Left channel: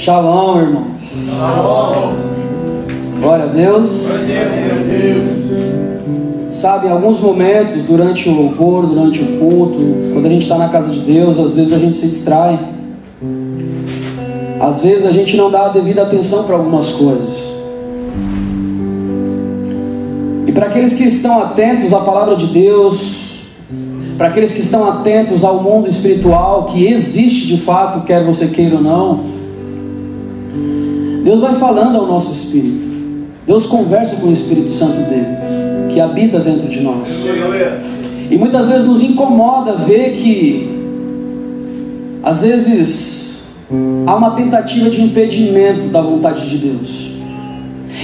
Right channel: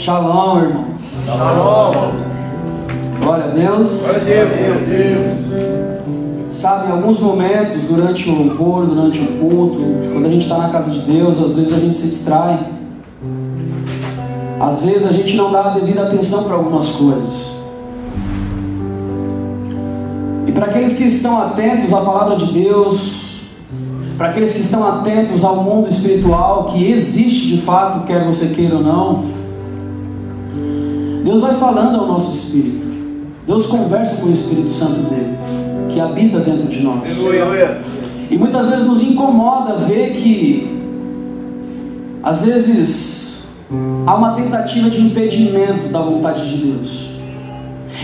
Shalom, irmãos. Shalom. Glória a Deus. Sabe, em alguns momentos, durante o louvor, durante o culto, quando a gente está na casa de Deus, às vezes a gente se distrai. Às vezes a gente não dá a devida atenção para algumas coisas. E para aqueles que estão atentos à palavra de Deus, para aqueles que estão atentos ao mundo espiritual que existe de fato, quer você queira ou não, Deus vai falando ao nosso espírito. Deus conversa com o Espírito Santo dele, que habita dentro de nós. E muitas vezes nos incomoda ver que às vezes há uma tentativa de impedimento da vontade de Deus.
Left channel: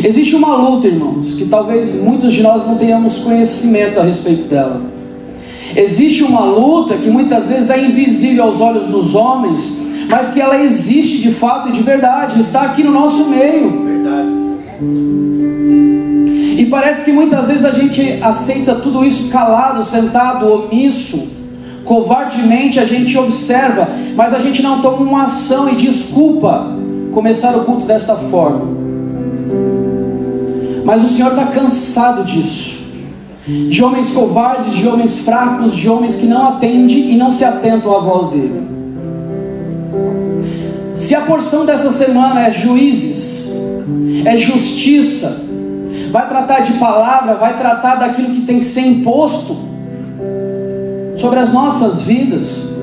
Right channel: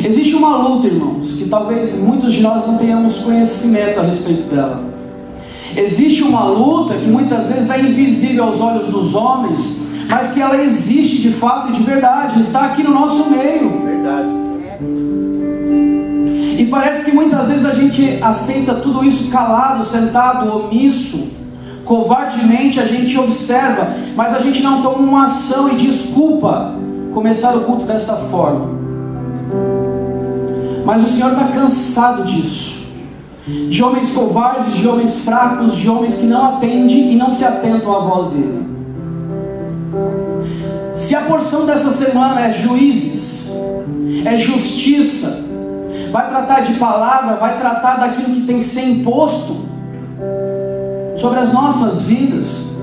Existe uma luta, irmãos, que talvez muitos de nós não tenhamos conhecimento a respeito dela. Existe uma luta que muitas vezes é invisível aos olhos dos homens, mas que ela existe de fato e de verdade, está aqui no nosso meio. E parece que muitas vezes a gente aceita tudo isso calado, sentado, omisso. Covardemente a gente observa, mas a gente não toma uma ação e desculpa começar o culto desta forma. Mas o Senhor está cansado disso, de homens covardes, de homens fracos, de homens que não atendem e não se atentam à voz dele. Se a porção dessa semana é juízes, é justiça, vai tratar de palavra, vai tratar daquilo que tem que ser imposto sobre as nossas vidas,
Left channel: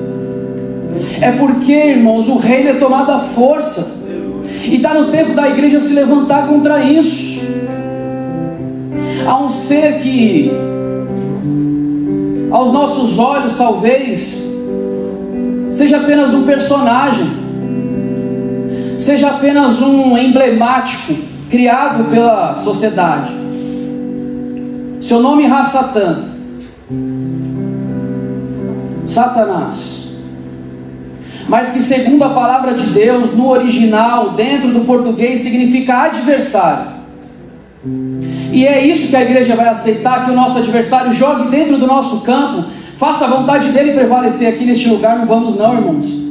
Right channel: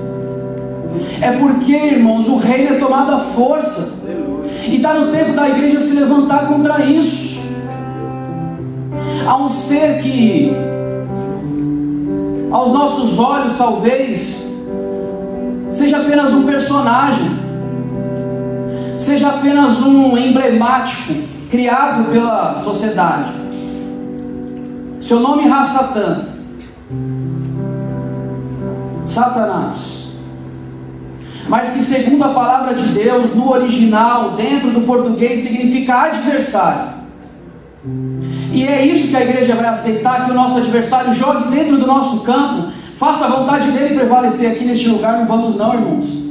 é porque, irmãos, o reino é tomado à força, e está no tempo da igreja se levantar contra isso. Há um ser que, aos nossos olhos, talvez seja apenas um personagem, seja apenas um emblemático criado pela sociedade. Seu nome é Satã, Satanás, mas que segundo a palavra de Deus, no original, dentro do português, significa adversário. E é isso que a igreja vai aceitar, que o nosso adversário jogue dentro do nosso campo, faça a vontade dele prevalecer aqui neste lugar. Não vamos não, irmãos,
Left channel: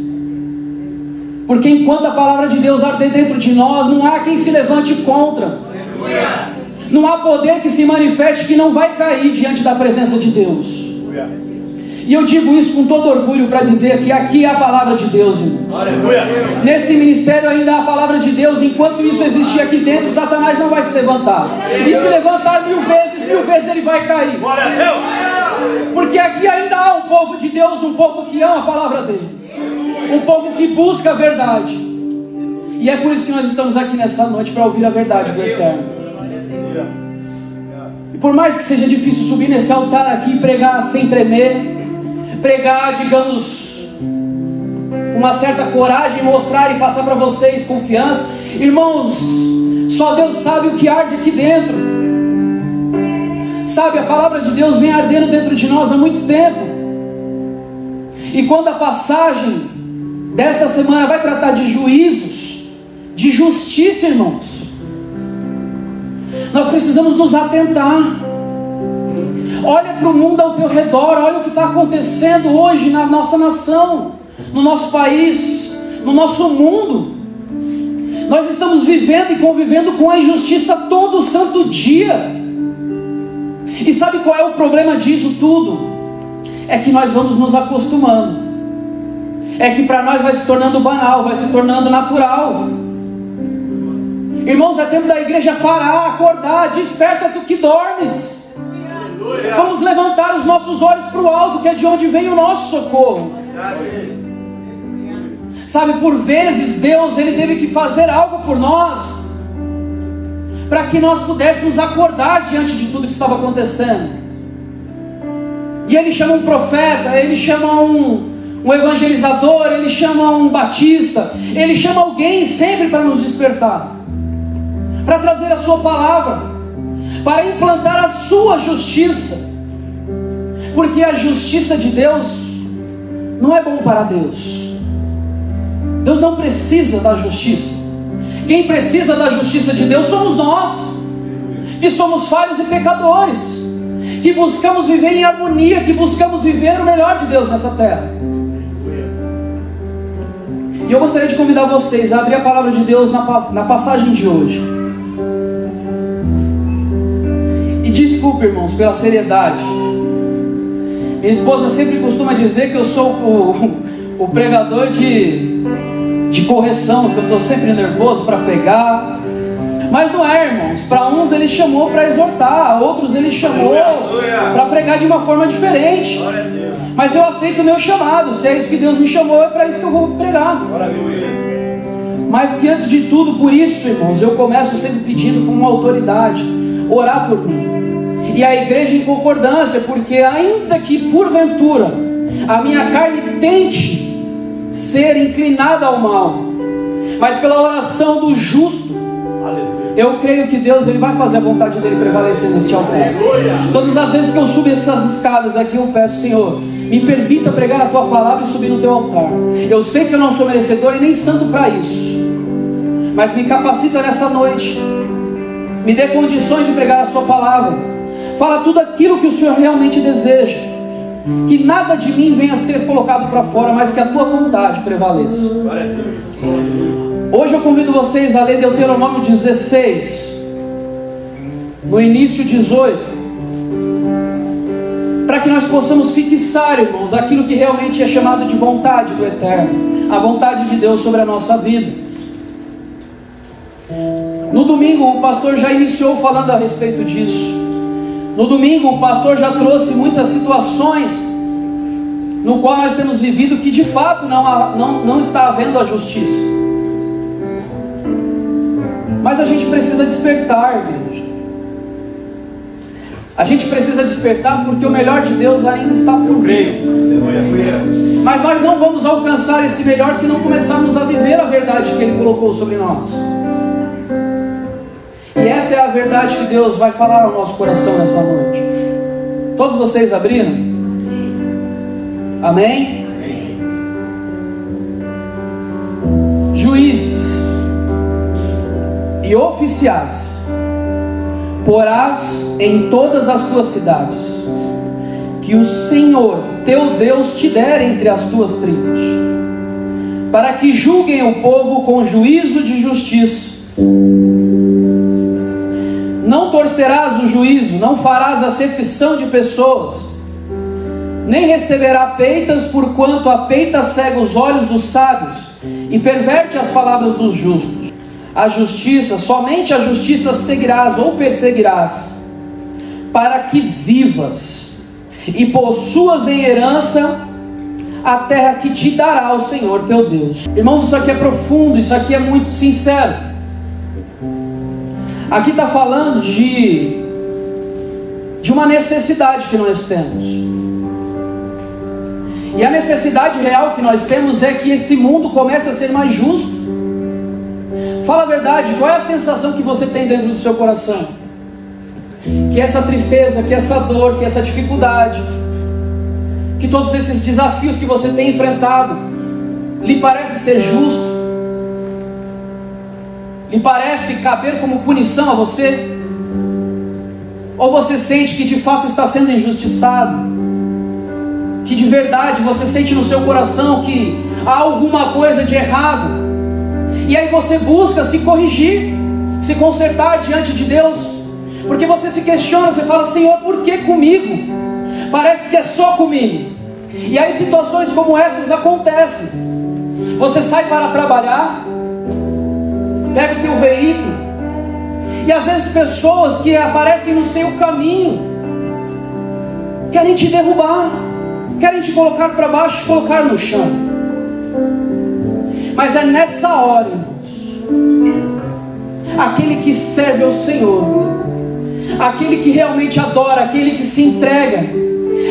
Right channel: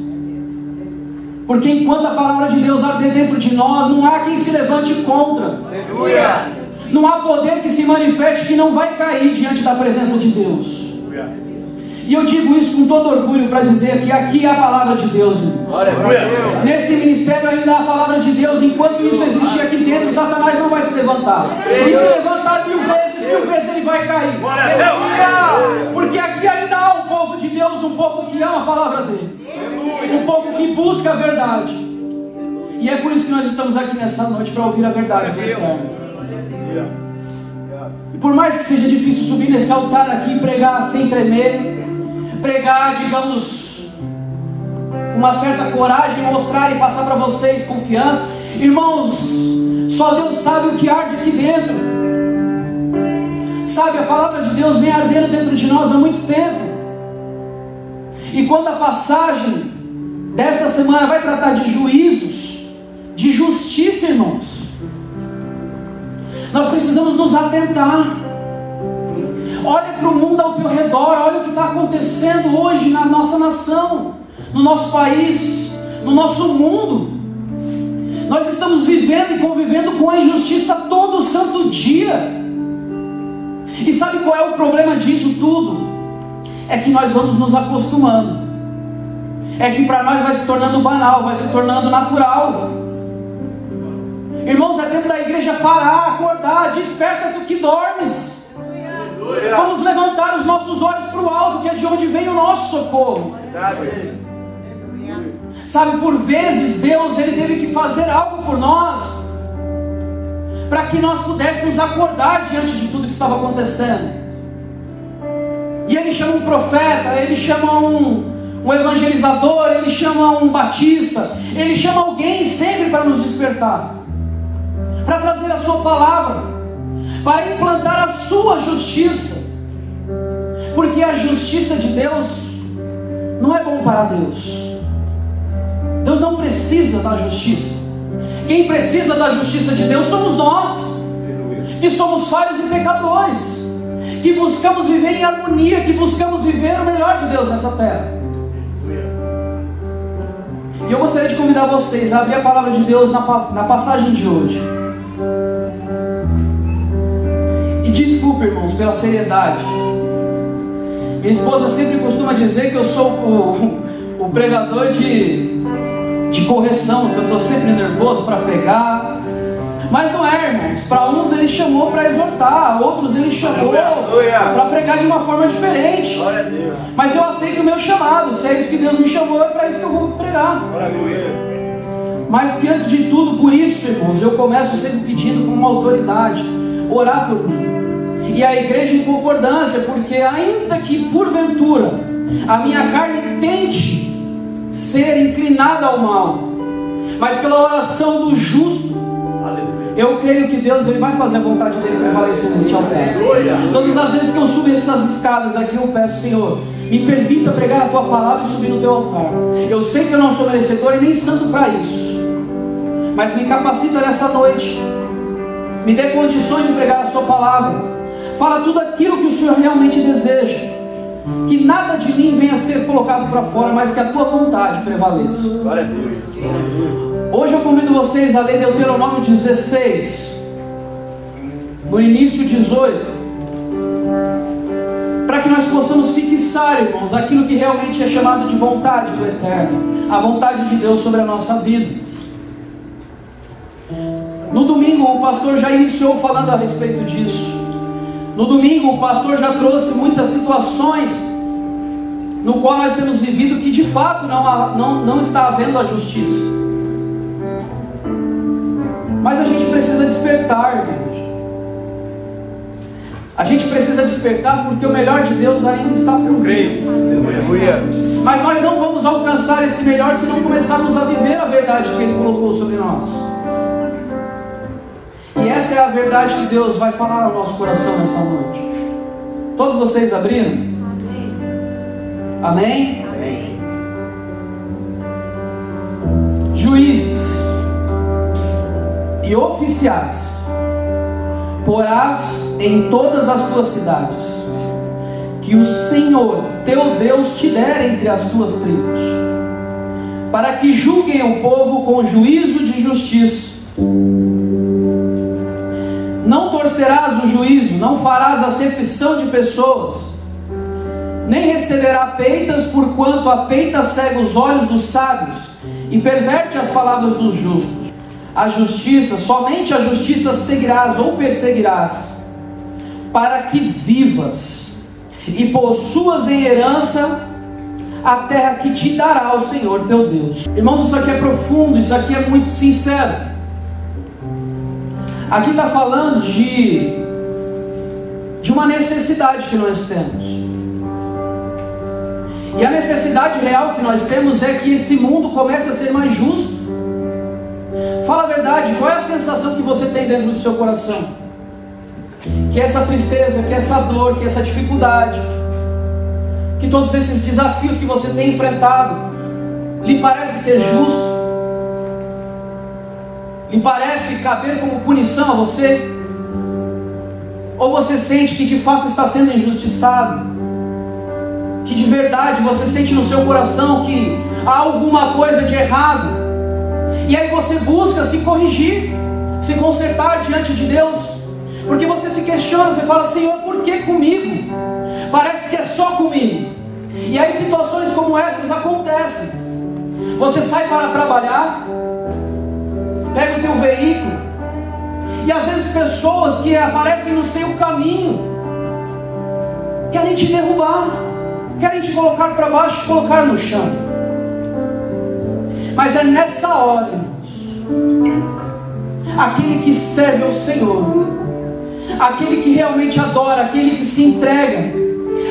porque enquanto a palavra de Deus arder dentro de nós, não há quem se levante contra. Não há poder que se manifeste que não vai cair diante da presença de Deus. E eu digo isso com todo orgulho para dizer que aqui é a palavra de Deus, irmãos. Nesse ministério ainda há a palavra de Deus. Enquanto isso existir aqui dentro, Satanás não vai se levantar. E se levantar mil vezes ele vai cair. Porque aqui ainda há um povo de Deus, um povo que ama a palavra dele, um povo que busca a verdade. E é por isso que nós estamos aqui nessa noite, para ouvir a verdade do Eterno. E por mais que seja difícil subir nesse altar aqui e pregar sem tremer, pregar, digamos, uma certa coragem, mostrar e passar para vocês confiança, irmãos, só Deus sabe o que arde aqui dentro. Sabe, a palavra de Deus vem ardendo dentro de nós há muito tempo. E quando a passagem desta semana vai tratar de juízos, de justiça, irmãos, nós precisamos nos atentar. Olha para o mundo ao teu redor, olha o que está acontecendo hoje na nossa nação, no nosso país, no nosso mundo. Nós estamos vivendo e convivendo com a injustiça todo santo dia. E sabe qual é o problema disso tudo? É que nós vamos nos acostumando. É que para nós vai se tornando banal, vai se tornando natural. Irmãos, é tempo da igreja parar, acordar. Desperta tu que dormes. Vamos levantar os nossos olhos para o alto, que é de onde vem o nosso socorro. Sabe, por vezes Deus ele teve que fazer algo por nós, para que nós pudéssemos acordar diante de tudo que estava acontecendo. E Ele chama um profeta, Ele chama um evangelizador, Ele chama um batista, Ele chama alguém sempre para nos despertar, para trazer a sua palavra, para implantar a sua justiça. Porque a justiça de Deus não é bom para Deus. Deus não precisa da justiça. Quem precisa da justiça de Deus somos nós, que somos falhos e pecadores, que buscamos viver em harmonia, que buscamos viver o melhor de Deus nessa terra. E eu gostaria de convidar vocês a abrir a palavra de Deus na passagem de hoje. E desculpe, irmãos, pela seriedade. Minha esposa sempre costuma dizer que eu sou o pregador de correção, que eu estou sempre nervoso para pregar. Mas não é, irmãos. Para uns ele chamou para exortar, outros ele chamou para pregar de uma forma diferente. Mas eu aceito o meu chamado. Se é isso que Deus me chamou, é para isso que eu vou pregar. Mas que antes de tudo, por isso, irmãos, eu começo sempre pedindo com uma autoridade: orar por mim. E a igreja em concordância, porque ainda que porventura a minha carne tente ser inclinada ao mal, mas pela oração do justo, eu creio que Deus ele vai fazer a vontade dele prevalecer neste altar. Todas as vezes que eu subo essas escadas aqui, eu peço: Senhor, me permita pregar a tua palavra e subir no teu altar. Eu sei que eu não sou merecedor e nem santo para isso, mas me capacita nessa noite, me dê condições de pregar a sua palavra. Fala tudo aquilo que o Senhor realmente deseja, que nada de mim venha a ser colocado para fora, mas que a tua vontade prevaleça. Hoje eu convido vocês a ler Deuteronômio 16, no início 18, para que nós possamos fixar, irmãos, aquilo que realmente é chamado de vontade do Eterno, a vontade de Deus sobre a nossa vida. No domingo o pastor já iniciou falando a respeito disso. No domingo o pastor já trouxe muitas situações no qual nós temos vivido que de fato não está havendo a justiça. Mas a gente precisa despertar, igreja. A gente precisa despertar, porque o melhor de Deus ainda está por vir. Mas nós não vamos alcançar esse melhor se não começarmos a viver a verdade que Ele colocou sobre nós. E essa é a verdade que Deus vai falar ao nosso coração nessa noite. Todos vocês abriram? Amém? Amém. Juízes e oficiais porás em todas as tuas cidades, que o Senhor teu Deus te der entre as tuas tribos, para que julguem o povo com juízo de justiça. Não torcerás o juízo, não farás acepção de pessoas, nem receberá peitas, porquanto a peita cega os olhos dos sábios e perverte as palavras dos justos. A justiça, somente a justiça seguirás ou perseguirás, para que vivas e possuas em herança a terra que te dará o Senhor teu Deus. Irmãos, isso aqui é profundo, isso aqui é muito sincero. Aqui está falando de uma necessidade que nós temos. E a necessidade real que nós temos é que esse mundo comece a ser mais justo. Fala a verdade, qual é a sensação que você tem dentro do seu coração? Que essa tristeza, que essa dor, que essa dificuldade, que todos esses desafios que você tem enfrentado, lhe parece ser justo? Lhe parece caber como punição a você? Ou você sente que de fato está sendo injustiçado? Que de verdade você sente no seu coração que há alguma coisa de errado? E aí você busca se corrigir, se consertar diante de Deus, porque você se questiona, você fala: Senhor, por que comigo? Parece que é só comigo. E aí situações como essas acontecem. Você sai para trabalhar, pega o teu veículo, e às vezes pessoas que aparecem no seu caminho querem te derrubar, querem te colocar para baixo, te colocar no chão. Mas é nessa hora, irmãos, aquele que serve ao Senhor, aquele que realmente adora, aquele que se entrega,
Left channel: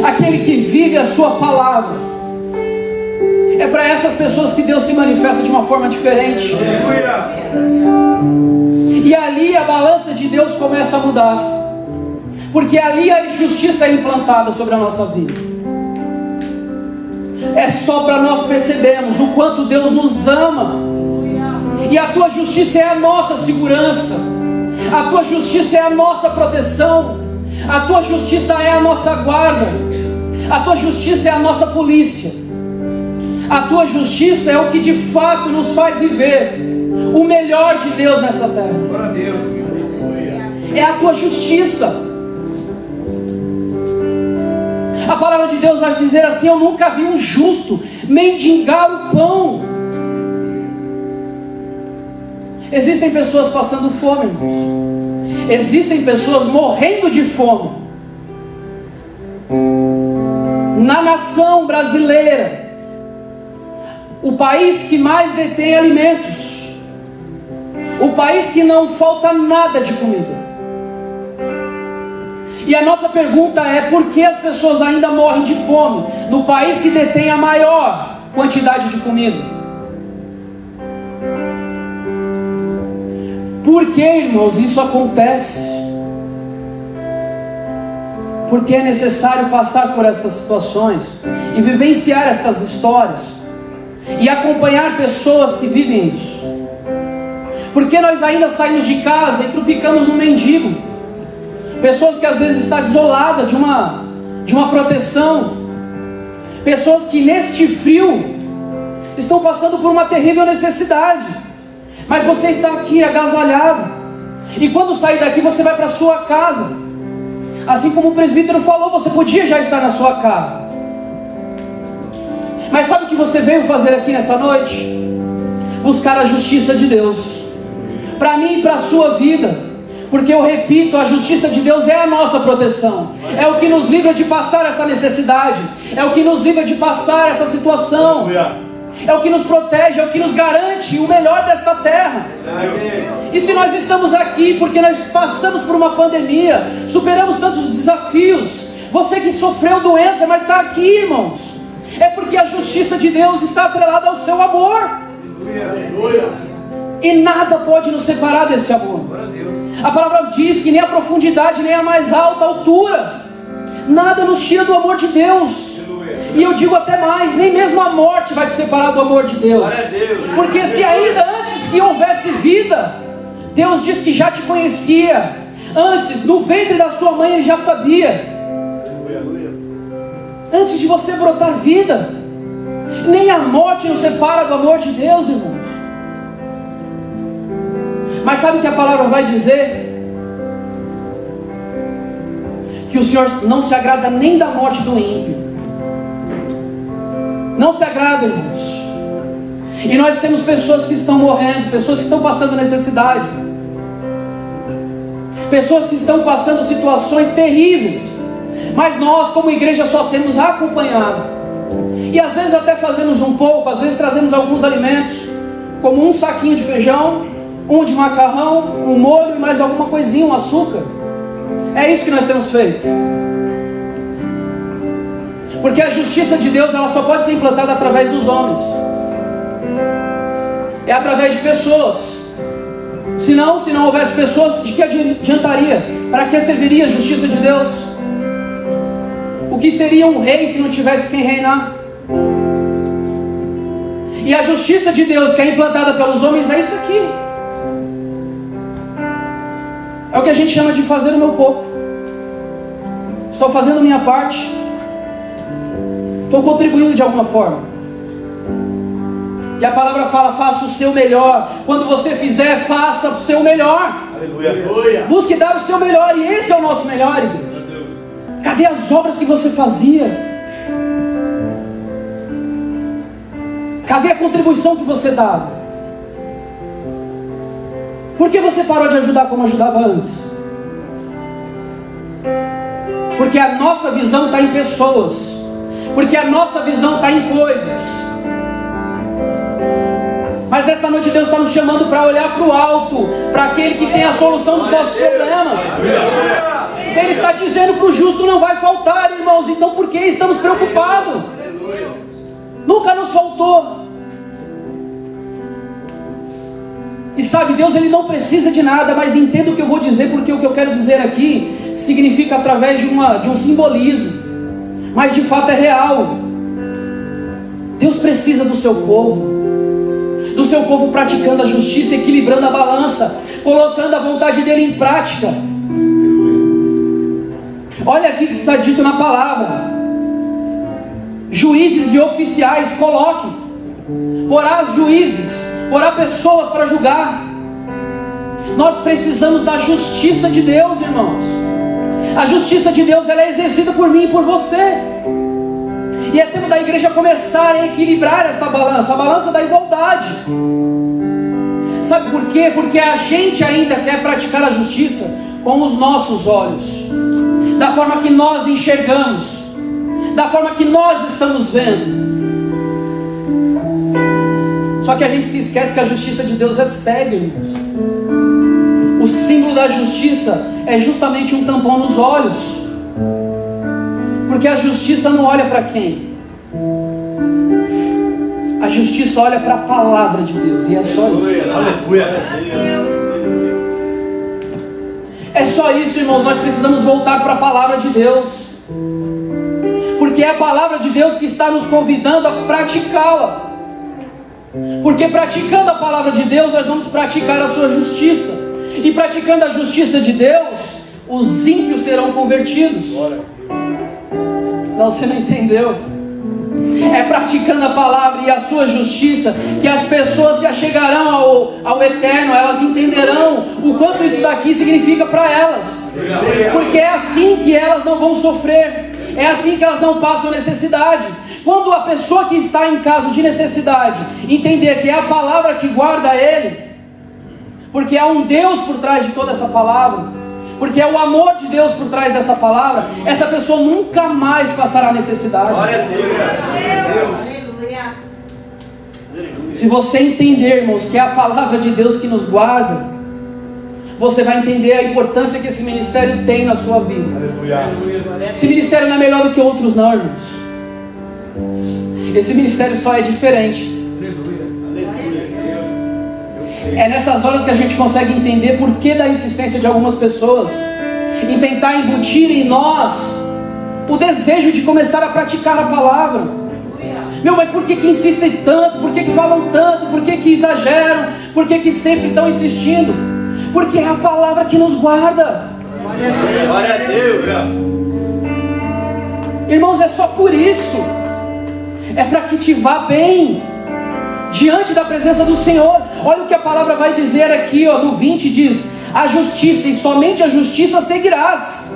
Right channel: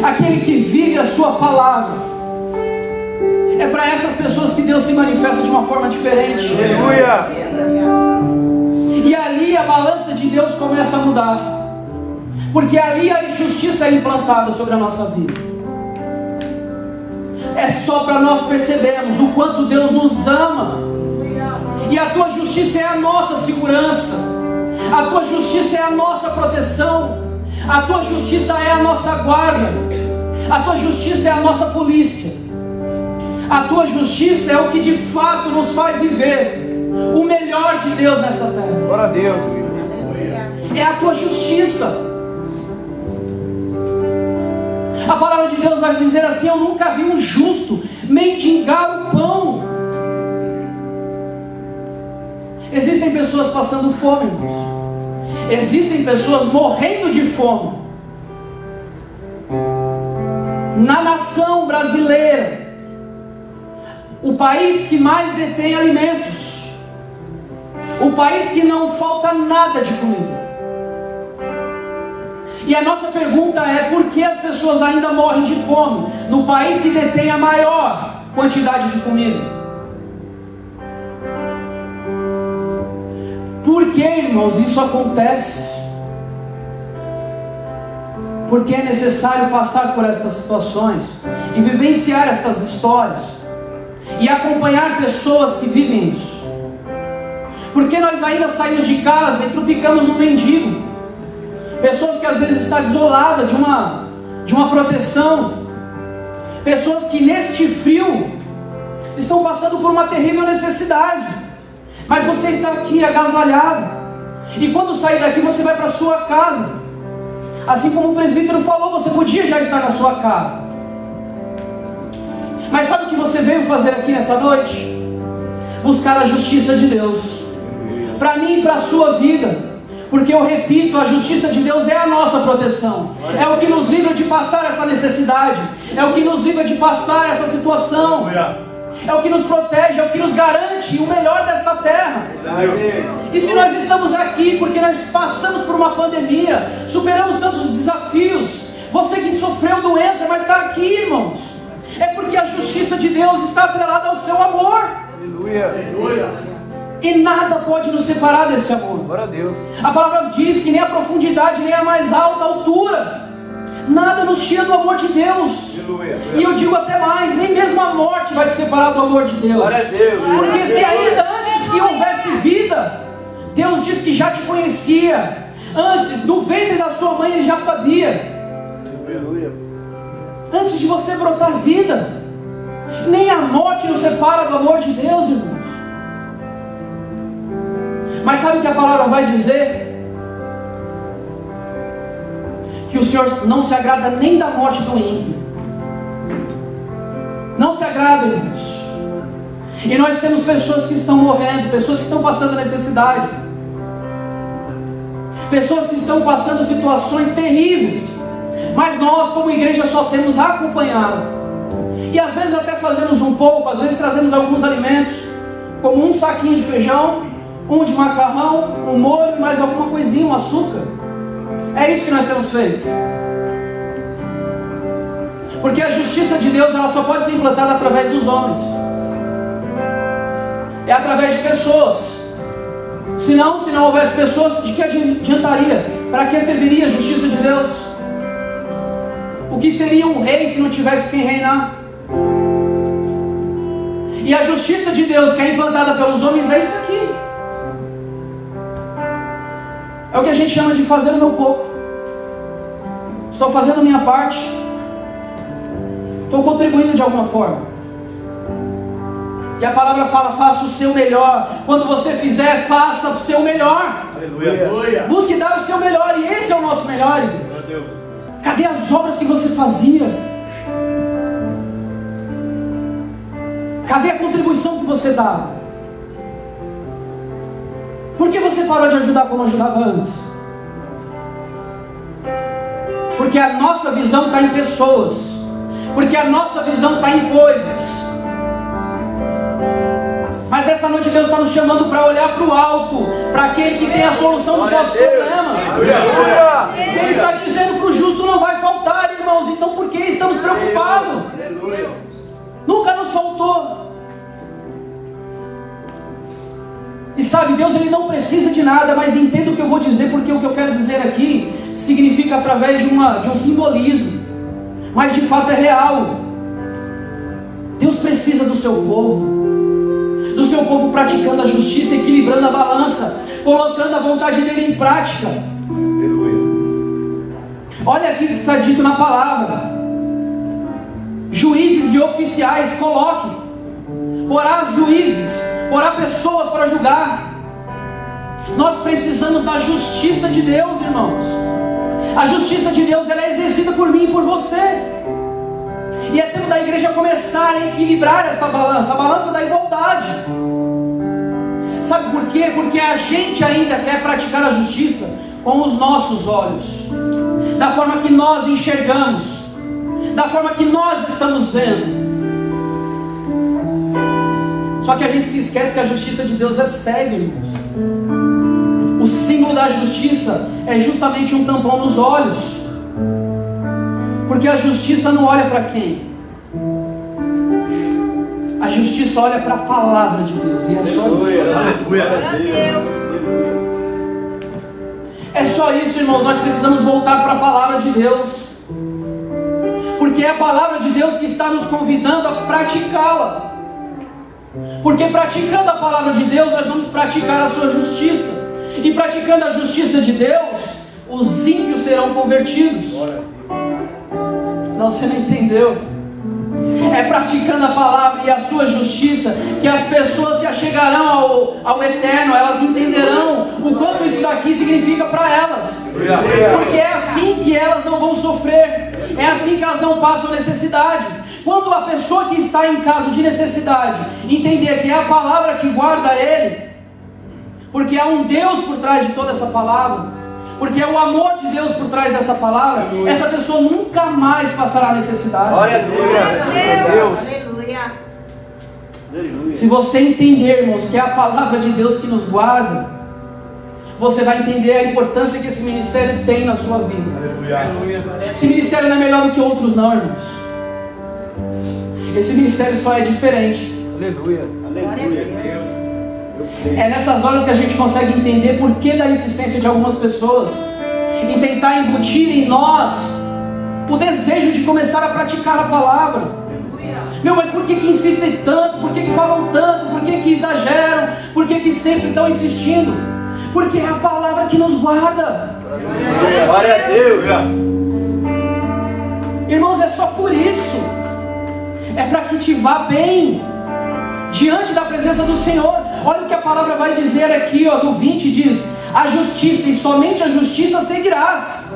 aquele que vive a sua palavra, é para essas pessoas que Deus se manifesta de uma forma diferente. Aleluia. E ali a balança de Deus começa a mudar, porque ali a justiça é implantada sobre a nossa vida. É só para nós percebermos o quanto Deus nos ama, e a tua justiça é a nossa segurança, a tua justiça é a nossa proteção, a tua justiça é a nossa guarda, a tua justiça é a nossa polícia, a tua justiça é o que de fato nos faz viver o melhor de Deus nessa terra. Glória a Deus. É a tua justiça. A palavra de Deus vai dizer assim: eu nunca vi um justo mendigar o pão. Existem pessoas passando fome, irmãos. Existem pessoas morrendo de fome. Na nação brasileira, o país que mais detém alimentos, o país que não falta nada de comida. E a nossa pergunta é: por que as pessoas ainda morrem de fome no país que detém a maior quantidade de comida? Por que, irmãos, isso acontece? Porque é necessário passar por estas situações e vivenciar estas histórias e acompanhar pessoas que vivem isso. Porque nós ainda saímos de casa e trupicamos no mendigo. Pessoas que às vezes estão isoladas de uma proteção. Pessoas que neste frio estão passando por uma terrível necessidade. Mas você está aqui agasalhado. E quando sair daqui você vai para a sua casa. Assim como o presbítero falou, você podia já estar na sua casa. Mas sabe o que você veio fazer aqui nessa noite? Buscar a justiça de Deus. Para mim e para a sua vida. Porque eu repito, a justiça de Deus é a nossa proteção. É o que nos livra de passar essa necessidade. É o que nos livra de passar essa situação. É o que nos protege, é o que nos garante o melhor desta terra. E se nós estamos aqui porque nós passamos por uma pandemia, superamos tantos desafios, você que sofreu doença, mas está aqui, irmãos, é porque a justiça de Deus está atrelada ao seu amor. E nada pode nos separar desse amor. A palavra diz que nem a profundidade, nem a mais alta altura, nada nos tira do amor de Deus. E eu digo até mais: nem mesmo a morte vai te separar do amor de Deus. Porque se ainda antes que houvesse vida, Deus diz que já te conhecia. Antes, no ventre da sua mãe, Ele já sabia. Antes de você brotar vida, nem a morte nos separa do amor de Deus, irmãos. Mas sabe o que a palavra vai dizer? Que o Senhor não se agrada nem da morte do ímpio. Não se agrada, irmãos. E nós temos pessoas que estão morrendo, pessoas que estão passando necessidade, pessoas que estão passando situações terríveis. Mas nós, como igreja, só temos acompanhado. E às vezes até fazemos um pouco, às vezes trazemos alguns alimentos, como um saquinho de feijão, um de macarrão, um molho, mais alguma coisinha, um açúcar. É isso que nós temos feito. Porque a justiça de Deus, ela só pode ser implantada através dos homens. É através de pessoas. Se não houvesse pessoas, de que adiantaria? Para que serviria a justiça de Deus? O que seria um rei se não tivesse quem reinar? E a justiça de Deus que é implantada pelos homens é isso aqui. É o que a gente chama de fazer o meu pouco. Estou fazendo a minha parte. Estou contribuindo de alguma forma. E a palavra fala: faça o seu melhor. Quando você fizer, faça o seu melhor. Aleluia. Busque dar o seu melhor. E esse é o nosso melhor, igreja. Cadê as obras que você fazia? Cadê a contribuição que você dá? Por que você parou de ajudar como ajudava antes? Porque a nossa visão está em pessoas. Porque a nossa visão está em coisas. Mas nessa noite Deus está nos chamando para olhar para o alto, para aquele que tem a solução dos nossos problemas. Ele está dizendo que o justo não vai faltar, irmãos. Então por que estamos preocupados? Nunca nos faltou. E sabe, Deus, Ele não precisa de nada, mas entenda o que eu vou dizer, porque o que eu quero dizer aqui significa através de um simbolismo, mas de fato é real. Deus precisa do seu povo praticando a justiça, equilibrando a balança, colocando a vontade dele em prática. Olha aqui que está dito na palavra: juízes e oficiais, coloque porá juízes, porá pessoas para julgar. Nós precisamos da justiça de Deus, irmãos. A justiça de Deus, ela é exercida por mim e por você. E é tempo da igreja começar a equilibrar esta balança, a balança da igualdade. Sabe por quê? Porque a gente ainda quer praticar a justiça com os nossos olhos, da forma que nós enxergamos, da forma que nós estamos vendo. Só que a gente se esquece que a justiça de Deus é cega, irmãos. O símbolo da justiça é justamente um tampão nos olhos, porque a justiça não olha para quem? A justiça olha para a palavra de Deus, e é só isso. É só isso, irmãos. Nós precisamos voltar para a palavra de Deus, porque é a palavra de Deus que está nos convidando a praticá-la. Porque praticando a palavra de Deus, nós vamos praticar a sua justiça. E praticando a justiça de Deus, os ímpios serão convertidos. Não, você não entendeu. É praticando a palavra e a sua justiça que as pessoas se achegarão ao eterno. Elas entenderão o quanto isso daqui significa para elas. Porque é assim que elas não vão sofrer. É assim que elas não passam necessidade. Quando a pessoa que está em caso de necessidade entender que é a palavra que guarda ele, porque há um Deus por trás de toda essa palavra, porque é o amor de Deus por trás dessa palavra, essa pessoa nunca mais passará necessidade. Glória a Deus. Se você entender, irmãos, que é a palavra de Deus que nos guarda, você vai entender a importância que esse ministério tem na sua vida. Esse ministério não é melhor do que outros não, irmãos. Esse ministério só é diferente. É nessas horas que a gente consegue entender por que da insistência de algumas pessoas em tentar embutir em nós o desejo de começar a praticar a palavra. Meu, mas por que insistem tanto? Por que falam tanto? Por que exageram? Por que sempre estão insistindo? Porque é a palavra que nos guarda. Glória a Deus. Irmãos, é só por isso. É para que te vá bem diante da presença do Senhor. Olha o que a palavra vai dizer aqui, ó, no 20 diz: a justiça, e somente a justiça seguirás,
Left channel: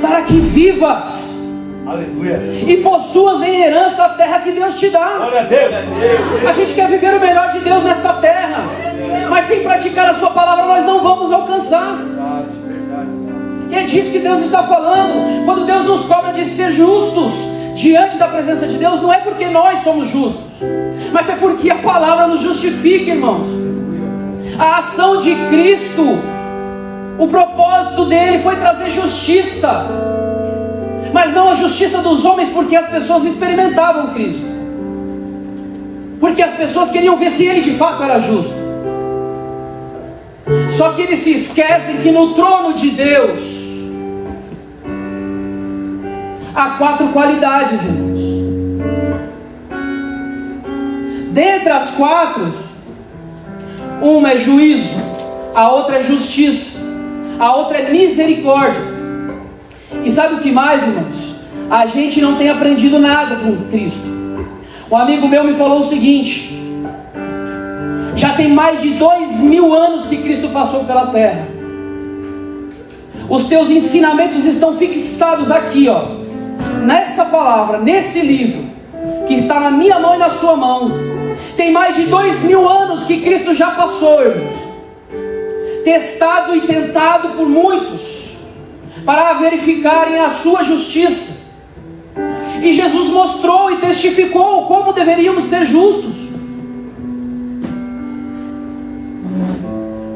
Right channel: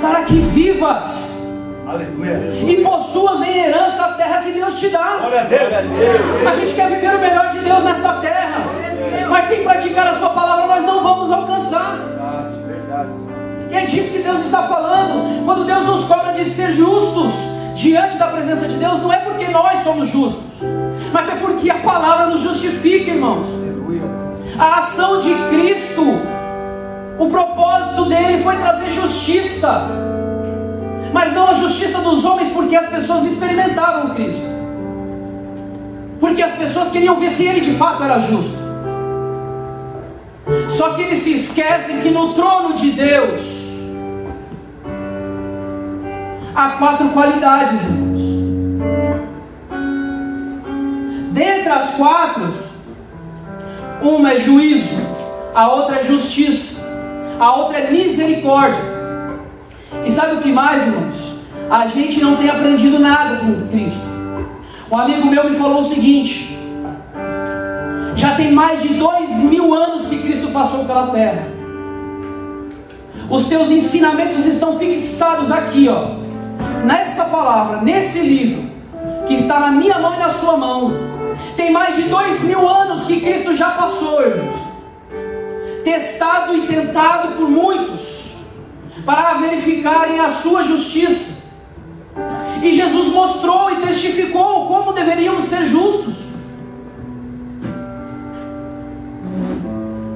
para que vivas. Aleluia. E possuas em herança a terra que Deus te dá. A gente quer viver o melhor de Deus nesta terra, mas sem praticar a sua palavra nós não vamos alcançar. E é disso que Deus está falando. Quando Deus nos cobra de ser justos diante da presença de Deus, não é porque nós somos justos, mas é porque a palavra nos justifica, irmãos. A ação de Cristo, o propósito dele foi trazer justiça, mas não a justiça dos homens, porque as pessoas experimentavam Cristo, porque as pessoas queriam ver se ele de fato era justo. Só que eles se esquecem que no trono de Deus há 4 qualidades, irmãos. Dentre as 4, uma é juízo, a outra é justiça, a outra é misericórdia. E sabe o que mais, irmãos? A gente não tem aprendido nada com Cristo. Um amigo meu me falou o seguinte: já tem mais de 2000 anos que Cristo passou pela terra. Os teus ensinamentos estão fixados aqui, ó, nessa palavra, nesse livro que está na minha mão e na sua mão. Tem mais de 2000 anos que Cristo já passou, irmãos, testado e tentado por muitos para verificarem a sua justiça. E Jesus mostrou e testificou como deveríamos ser justos.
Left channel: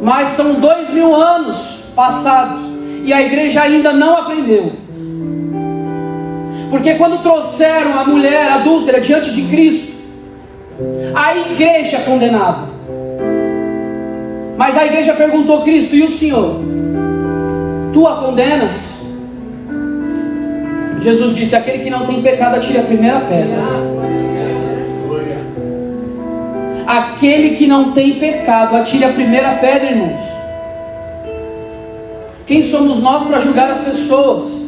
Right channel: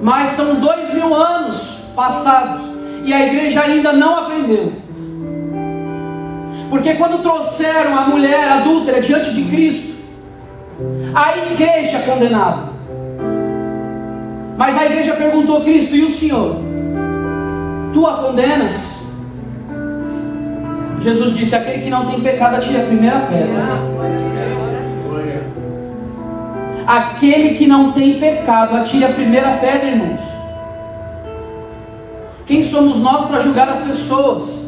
Mas são 2000 anos passados e a igreja ainda não aprendeu. Porque quando trouxeram a mulher adúltera diante de Cristo, a igreja condenava. Mas a igreja perguntou: Cristo, e o Senhor? Tu a condenas? Jesus disse: aquele que não tem pecado atire a primeira pedra. Aquele que não tem pecado atire a primeira pedra, irmãos. Quem somos nós para julgar as pessoas?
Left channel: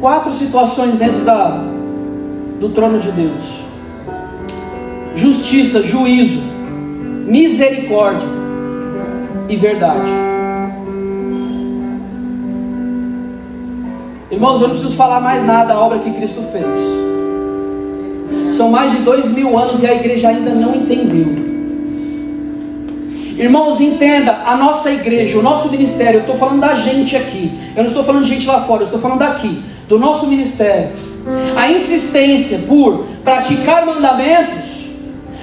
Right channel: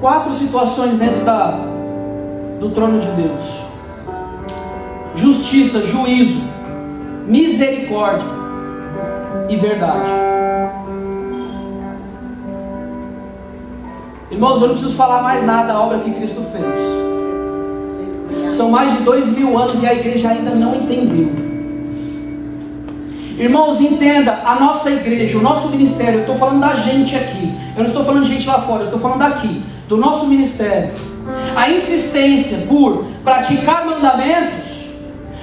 4 situações dentro do trono de Deus. Justiça, juízo, misericórdia e verdade. Irmãos, eu não preciso falar mais nada da obra que Cristo fez. São mais de 2000 anos e a igreja ainda não entendeu. Irmãos, entenda, a nossa igreja, o nosso ministério, eu estou falando da gente aqui, eu não estou falando de gente lá fora, eu estou falando daqui, do nosso ministério. A insistência por praticar mandamentos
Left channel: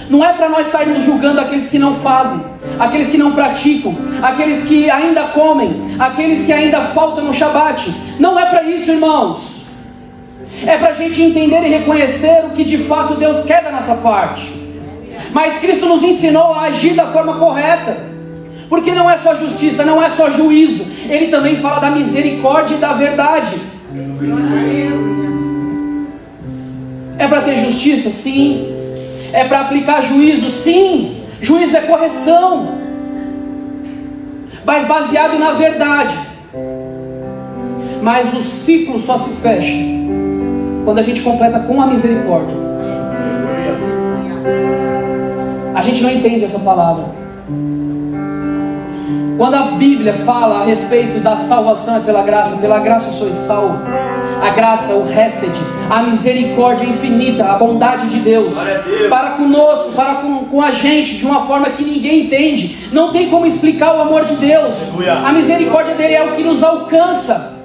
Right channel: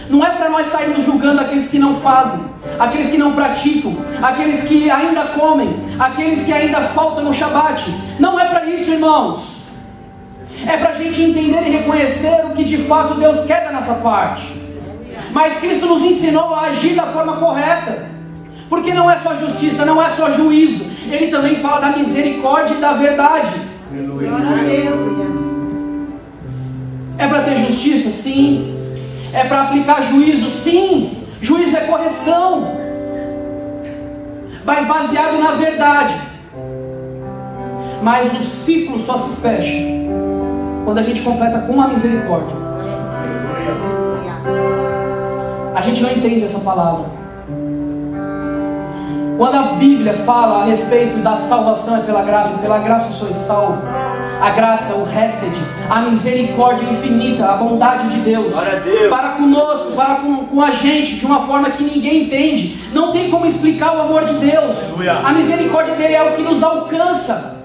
não é para nós sairmos julgando aqueles que não fazem, aqueles que não praticam, aqueles que ainda comem, aqueles que ainda faltam no Shabat. Não é para isso, irmãos. É para a gente entender e reconhecer o que de fato Deus quer da nossa parte. Mas Cristo nos ensinou a agir da forma correta, porque não é só justiça, não é só juízo, Ele também fala da misericórdia e da verdade. É para ter justiça? Sim. É para aplicar juízo? Sim. Juízo é correção, mas baseado na verdade. Mas o ciclo só se fecha quando a gente completa com a misericórdia. A gente não entende essa palavra. Quando a Bíblia fala a respeito da salvação é pela graça sois salvos. A graça, o hesed, a misericórdia infinita, a bondade de Deus para conosco, para com a gente, de uma forma que ninguém entende. Não tem como explicar o amor de Deus. A misericórdia dele é o que nos alcança,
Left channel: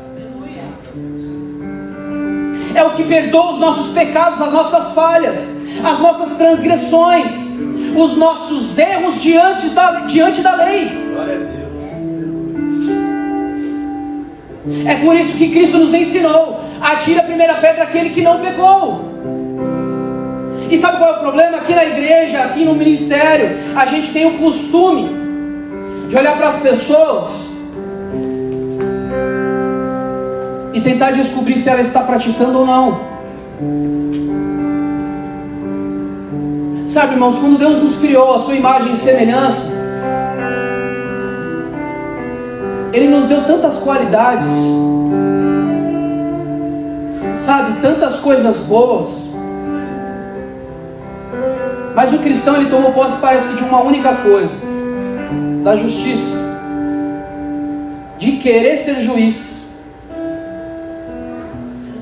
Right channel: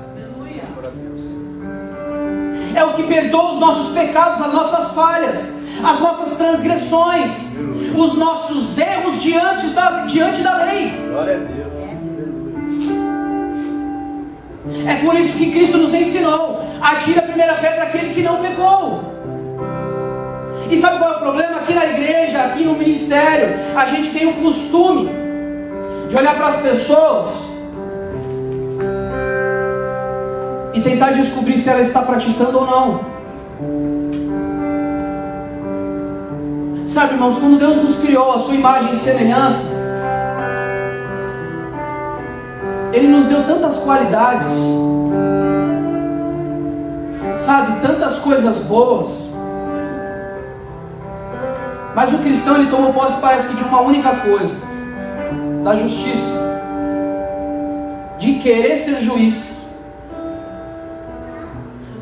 é o que perdoa os nossos pecados, as nossas falhas, as nossas transgressões, os nossos erros diante da lei. Glória a Deus. É por isso que Cristo nos ensinou: atire a primeira pedra aquele que não pecou. E sabe qual é o problema? Aqui na igreja, aqui no ministério, a gente tem o costume de olhar para as pessoas e tentar descobrir se ela está praticando ou não. Sabe, irmãos, quando Deus nos criou a sua imagem e semelhança, Ele nos deu tantas qualidades, sabe, tantas coisas boas. Mas o cristão, ele tomou posse, parece que de uma única coisa: da justiça, de querer ser juiz.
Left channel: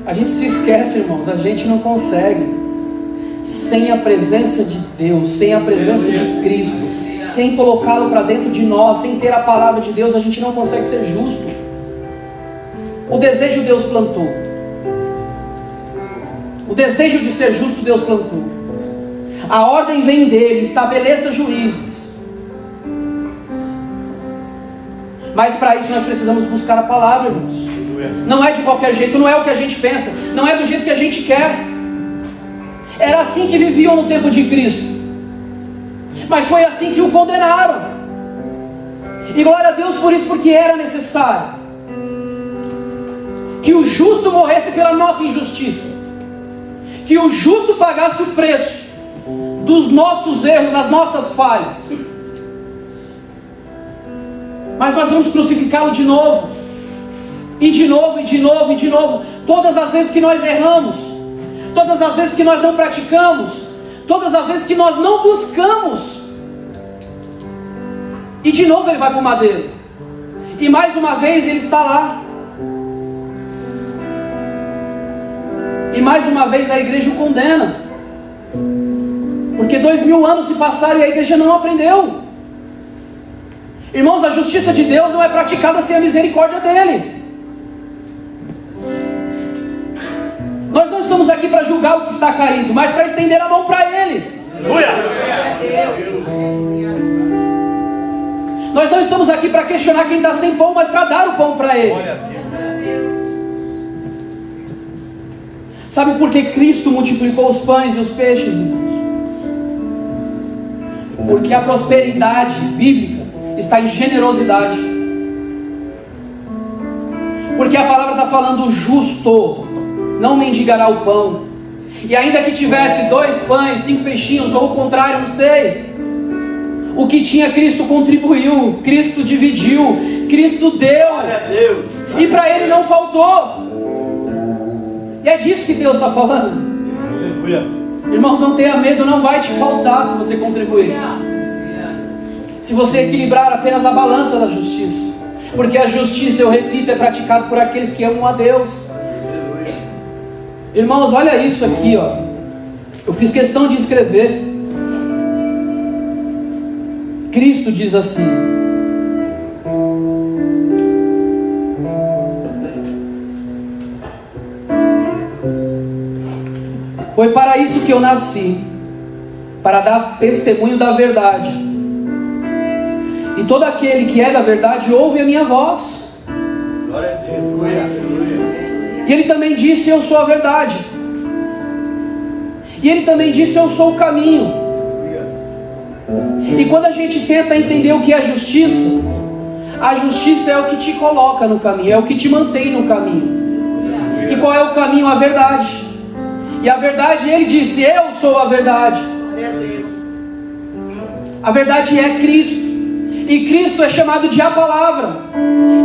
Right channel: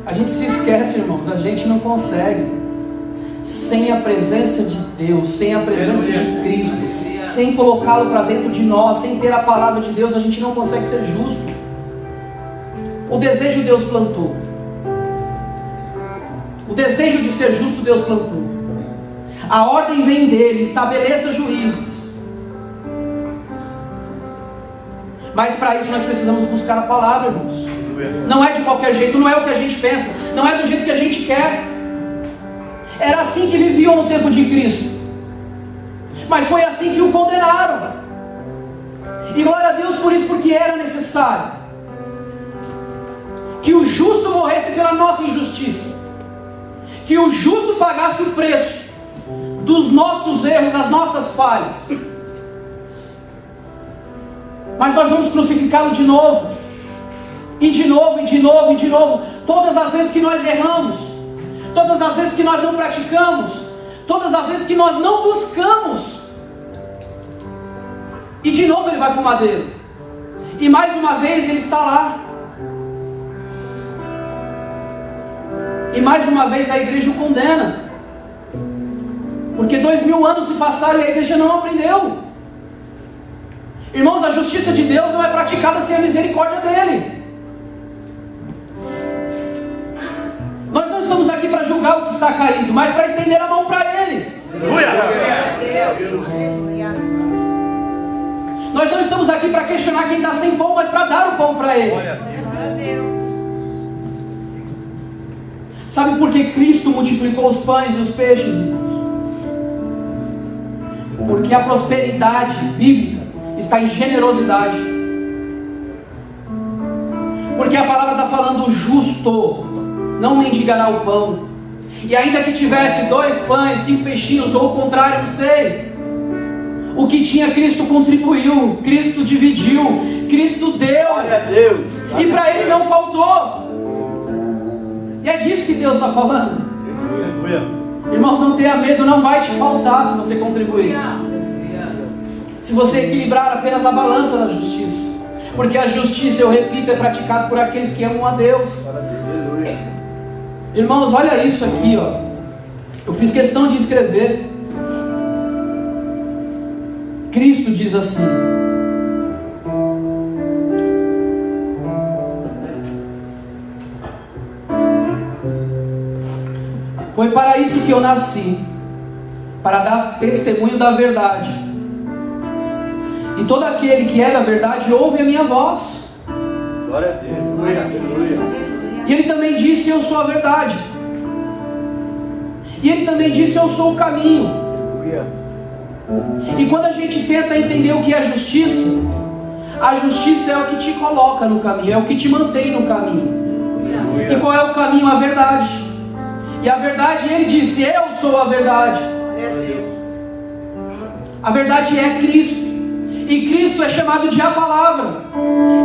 A gente se esquece, irmãos, a gente não consegue sem a presença de Deus, sem a presença de Cristo, sem colocá-lo para dentro de nós, sem ter a palavra de Deus, a gente não consegue ser justo. O desejo Deus plantou, o desejo de ser justo Deus plantou. A ordem vem dele: estabeleça juízes. Mas para isso nós precisamos buscar a palavra, irmãos. Não é de qualquer jeito, não é o que a gente pensa, não é do jeito que a gente quer. Era assim que viviam no tempo de Cristo, mas foi assim que o condenaram. E glória a Deus por isso, porque era necessário que o justo morresse pela nossa injustiça, que o justo pagasse o preço dos nossos erros, das nossas falhas. Mas nós vamos crucificá-lo de novo, e de novo, e de novo, e de novo. Todas as vezes que nós erramos, todas as vezes que nós não praticamos, todas as vezes que nós não buscamos, e de novo ele vai para o madeiro, e mais uma vez ele está lá, e mais uma vez a igreja o condena, porque 2000 anos se passaram e a igreja não aprendeu. Irmãos, a justiça de Deus não é praticada sem a misericórdia dele. Nós não estamos aqui para julgar o que está caído, mas para estender a mão para ele. Nós não estamos aqui para questionar quem está sem pão, mas para dar o pão para ele. Sabe por que Cristo multiplicou os pães e os peixes, irmãos? Porque a prosperidade bíblica está em generosidade. Porque a palavra está falando: justo não mendigará o pão. E ainda que tivesse 2 pães, 5 peixinhos, ou o contrário, não sei, o que tinha, Cristo contribuiu, Cristo dividiu, Cristo deu, e para ele não faltou. E é disso que Deus está falando. Irmãos, não tenha medo, não vai te faltar se você contribuir. Se você equilibrar apenas a balança da justiça. Porque a justiça, eu repito, é praticada por aqueles que amam a Deus. Irmãos, olha isso aqui, ó. Eu fiz questão de escrever. Cristo diz assim: foi para isso que eu nasci, para dar testemunho da verdade. E todo aquele que é da verdade ouve a minha voz. Glória a Deus. E ele também disse: eu sou a verdade. E ele também disse: eu sou o caminho. E quando a gente tenta entender o que é justiça, a justiça é o que te coloca no caminho, é o que te mantém no caminho. E qual é o caminho? A verdade. E a verdade, ele disse: eu sou a verdade. A verdade é Cristo. E Cristo é chamado de a palavra.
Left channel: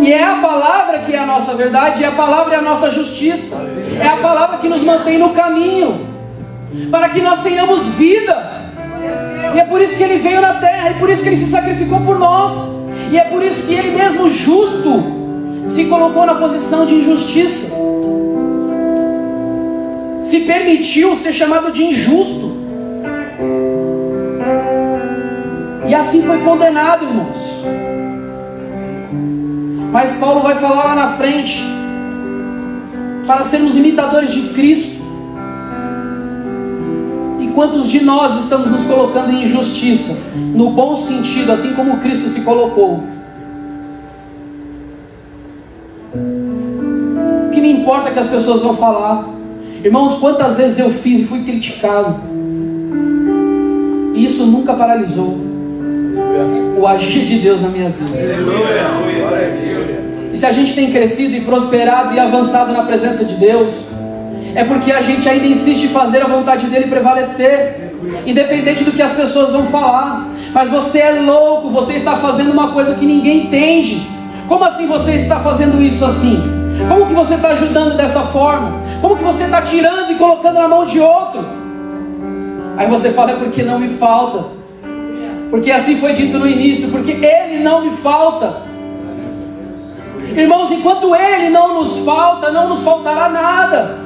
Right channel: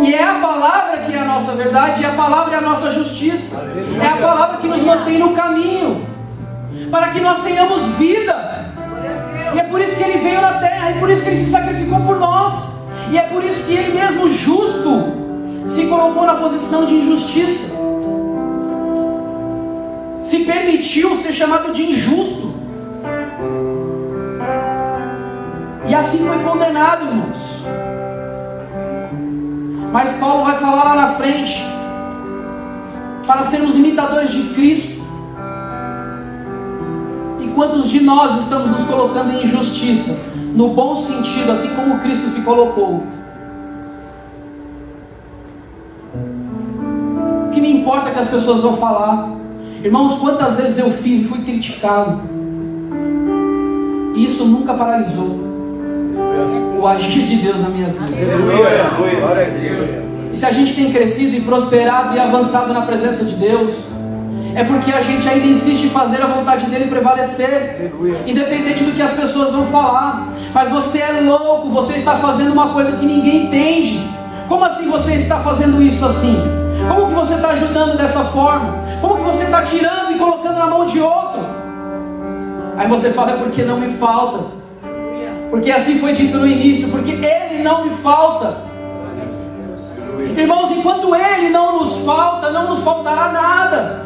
E é a palavra que é a nossa verdade. E a palavra é a nossa justiça. É a palavra que nos mantém no caminho, para que nós tenhamos vida. E é por isso que Ele veio na terra. É por isso que Ele se sacrificou por nós. E é por isso que Ele mesmo, justo, se colocou na posição de injustiça. Se permitiu ser chamado de injusto. E assim foi condenado, irmãos. Mas Paulo vai falar lá na frente, para sermos imitadores de Cristo. E quantos de nós estamos nos colocando em injustiça, no bom sentido, assim como Cristo se colocou? O que me importa é que as pessoas vão falar. Irmãos, quantas vezes eu fiz e fui criticado, e isso nunca paralisou o agir de Deus na minha vida. E se a gente tem crescido e prosperado e avançado na presença de Deus, é porque a gente ainda insiste em fazer a vontade dEle prevalecer, independente do que as pessoas vão falar. Mas você é louco, você está fazendo uma coisa que ninguém entende. Como assim você está fazendo isso assim? Como que você está ajudando dessa forma? Como que você está tirando e colocando na mão de outro? Aí você fala: é porque não me falta. Porque assim foi dito no início, porque Ele não me falta. Irmãos, enquanto Ele não nos falta, não nos faltará nada.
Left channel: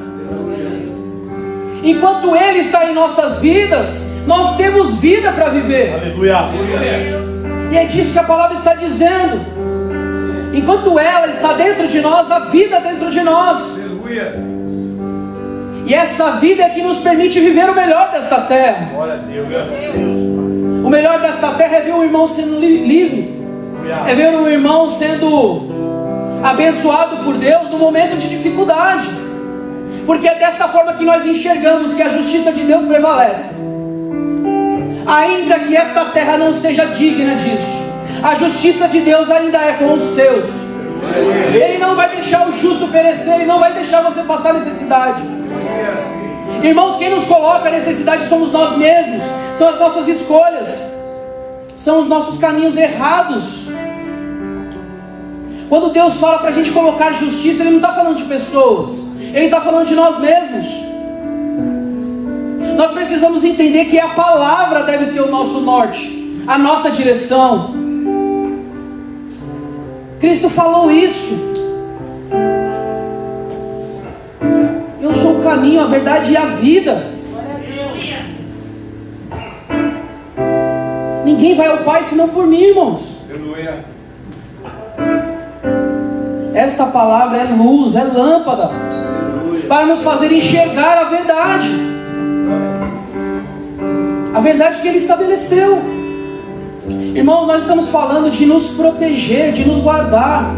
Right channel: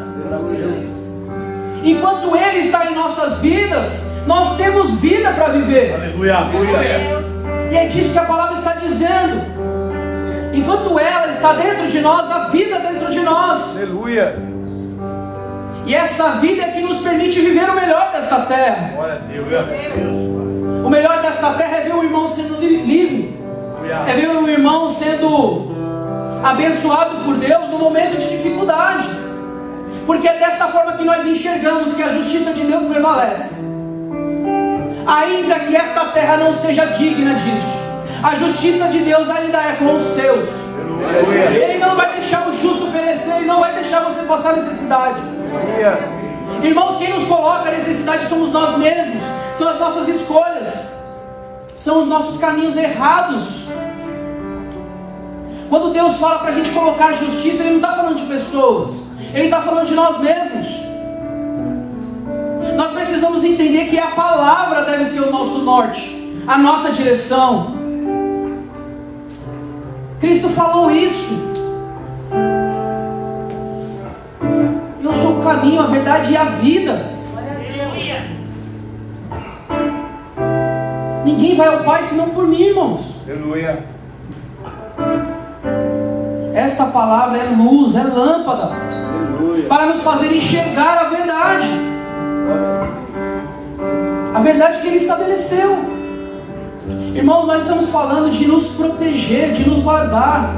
Enquanto Ele está em nossas vidas, nós temos vida para viver. Aleluia. E é disso que a palavra está dizendo. Enquanto ela está dentro de nós, a vida dentro de nós. Aleluia. E essa vida é que nos permite viver o melhor desta terra. Glória a Deus. O melhor desta terra é ver um irmão sendo livre, é ver um irmão sendo abençoado por Deus no momento de dificuldade, porque é desta forma que nós enxergamos que a justiça de Deus prevalece. Ainda que esta terra não seja digna disso, a justiça de Deus ainda é com os seus. Ele não vai deixar o justo perecer, Ele não vai deixar você passar necessidade. Irmãos, quem nos coloca a necessidade somos nós mesmos, são as nossas escolhas, são os nossos caminhos errados. Quando Deus fala para a gente colocar justiça, Ele não está falando de pessoas, Ele está falando de nós mesmos. Nós precisamos entender que a palavra deve ser o nosso norte, a nossa direção. Cristo falou isso. Eu sou o caminho, a verdade e a vida. Ninguém vai ao Pai senão por mim, irmãos. Aleluia. Esta palavra é luz, é lâmpada, para nos fazer enxergar a verdade. A verdade que Ele estabeleceu. Irmãos, nós estamos falando de nos proteger, de nos guardar.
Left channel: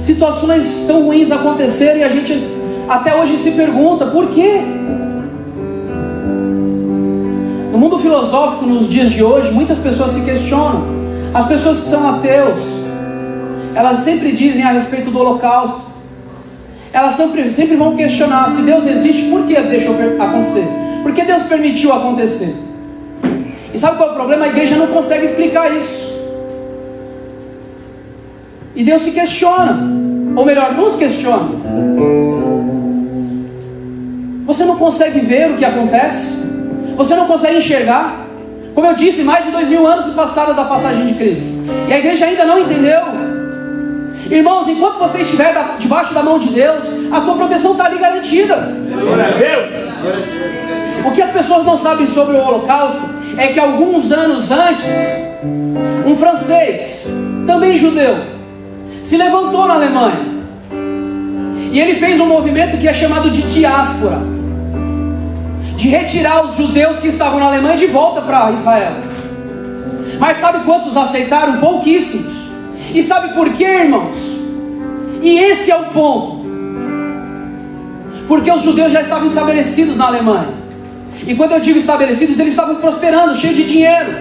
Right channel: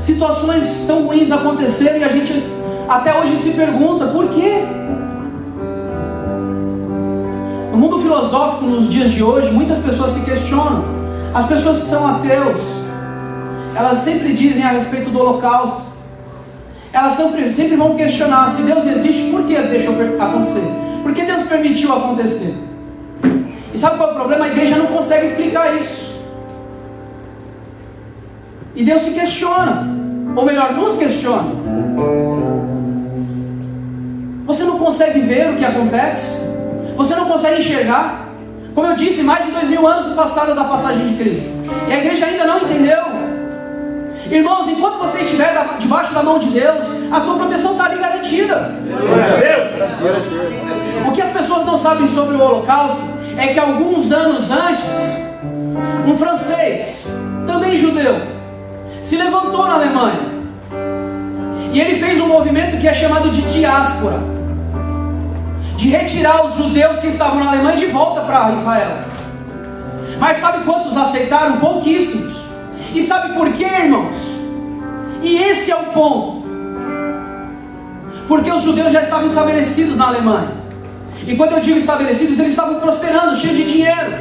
Situações tão ruins aconteceram e a gente até hoje se pergunta: por quê? No mundo filosófico, nos dias de hoje, muitas pessoas se questionam. As pessoas que são ateus, elas sempre dizem a respeito do holocausto. Elas sempre vão questionar: se Deus existe, por que deixou acontecer? Por que Deus permitiu acontecer? E sabe qual é o problema? A igreja não consegue explicar isso. E Deus se questiona, ou melhor, nos questiona. Você não consegue ver o que acontece? Você não consegue enxergar? Como eu disse, mais de 2000 anos se passaram da passagem de Cristo, e a igreja ainda não entendeu. Irmãos, enquanto você estiver debaixo da mão de Deus, a tua proteção está ali garantida. O que as pessoas não sabem sobre o Holocausto é que alguns anos antes, um francês, também judeu, se levantou na Alemanha, e ele fez um movimento que é chamado de diáspora, de retirar os judeus que estavam na Alemanha de volta para Israel. Mas sabe quantos aceitaram? Pouquíssimos. E sabe por quê, irmãos? E esse é o ponto. Porque os judeus já estavam estabelecidos na Alemanha. E quando eu digo estabelecidos, eles estavam prosperando, cheios de dinheiro.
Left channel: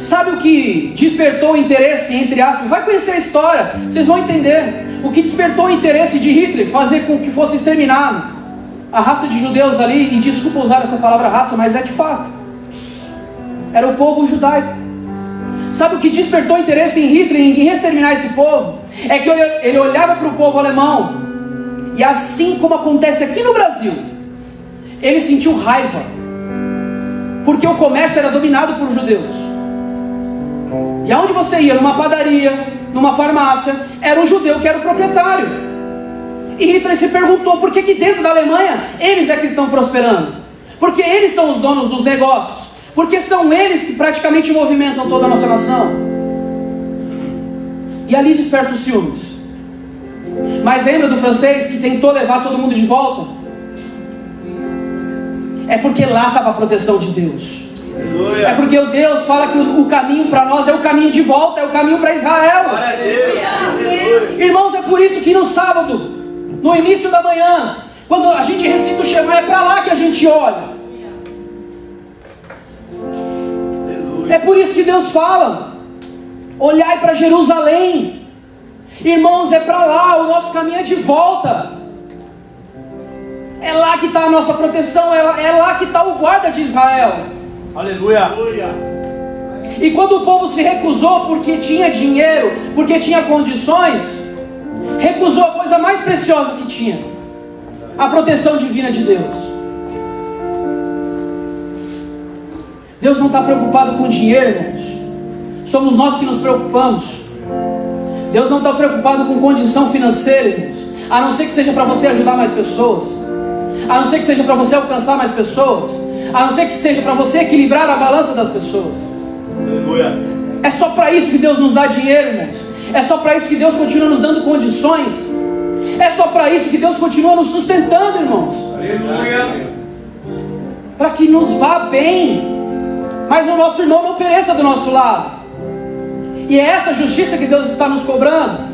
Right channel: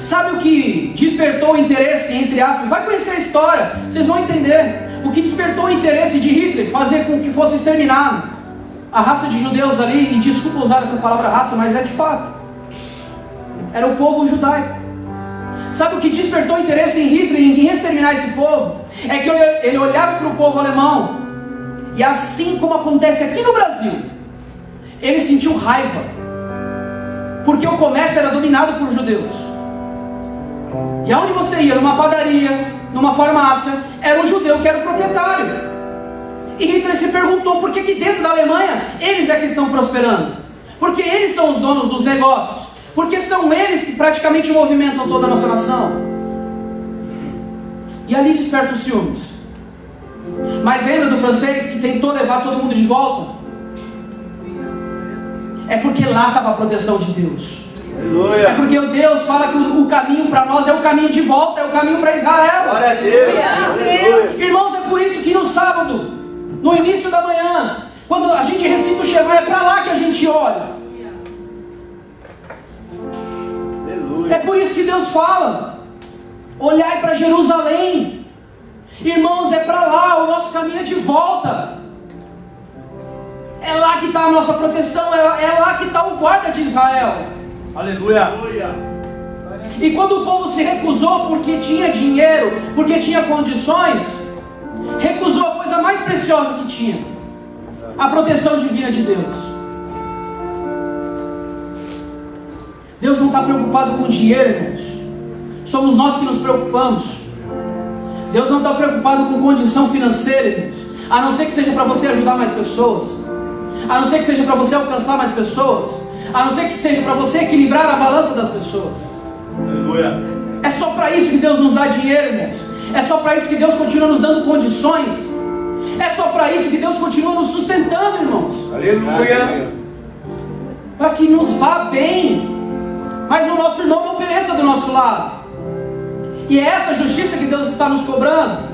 Sabe o que despertou o interesse, entre aspas? Vai conhecer a história, vocês vão entender. O que despertou o interesse de Hitler, fazer com que fosse exterminado a raça de judeus ali, e desculpa usar essa palavra raça, mas é de fato, era o povo judaico. Sabe o que despertou interesse em Hitler, em exterminar esse povo? É que ele olhava para o povo alemão, e assim como acontece aqui no Brasil, ele sentiu raiva, porque o comércio era dominado por judeus. E aonde você ia, numa padaria, numa farmácia, era um judeu que era o proprietário. E Hitler se perguntou por que dentro da Alemanha eles é que estão prosperando, porque eles são os donos dos negócios, porque são eles que praticamente movimentam toda a nossa nação. E ali desperta os ciúmes. Mas lembra do francês que tentou levar todo mundo de volta? É porque lá estava a proteção de Deus. É porque o Deus fala que o caminho para nós é o caminho de volta, é o caminho para Israel. Irmãos, é por isso que no sábado, no início da manhã, quando a gente recita o Shema, é para lá que a gente olha. É por isso que Deus fala: olhai para Jerusalém. Irmãos, é para lá, o nosso caminho é de volta. É lá que está a nossa proteção, é lá que está o guarda de Israel. Aleluia. E quando o povo se recusou porque tinha dinheiro, porque tinha condições, recusou a coisa mais preciosa que tinha, a proteção divina de Deus. Deus não está preocupado com dinheiro, irmãos. Somos nós que nos preocupamos. Deus não está preocupado com condição financeira, irmãos. A não ser que seja para você ajudar mais pessoas, a não ser que seja para você alcançar mais pessoas, a não ser que seja para você equilibrar a balança das pessoas. Aleluia. É só para isso que Deus nos dá dinheiro, irmãos. É só para isso que Deus continua nos dando condições. É só para isso que Deus continua nos sustentando, irmãos. Aleluia. Para que nos vá bem, mas o nosso irmão não pereça do nosso lado. E é essa justiça que Deus está nos cobrando.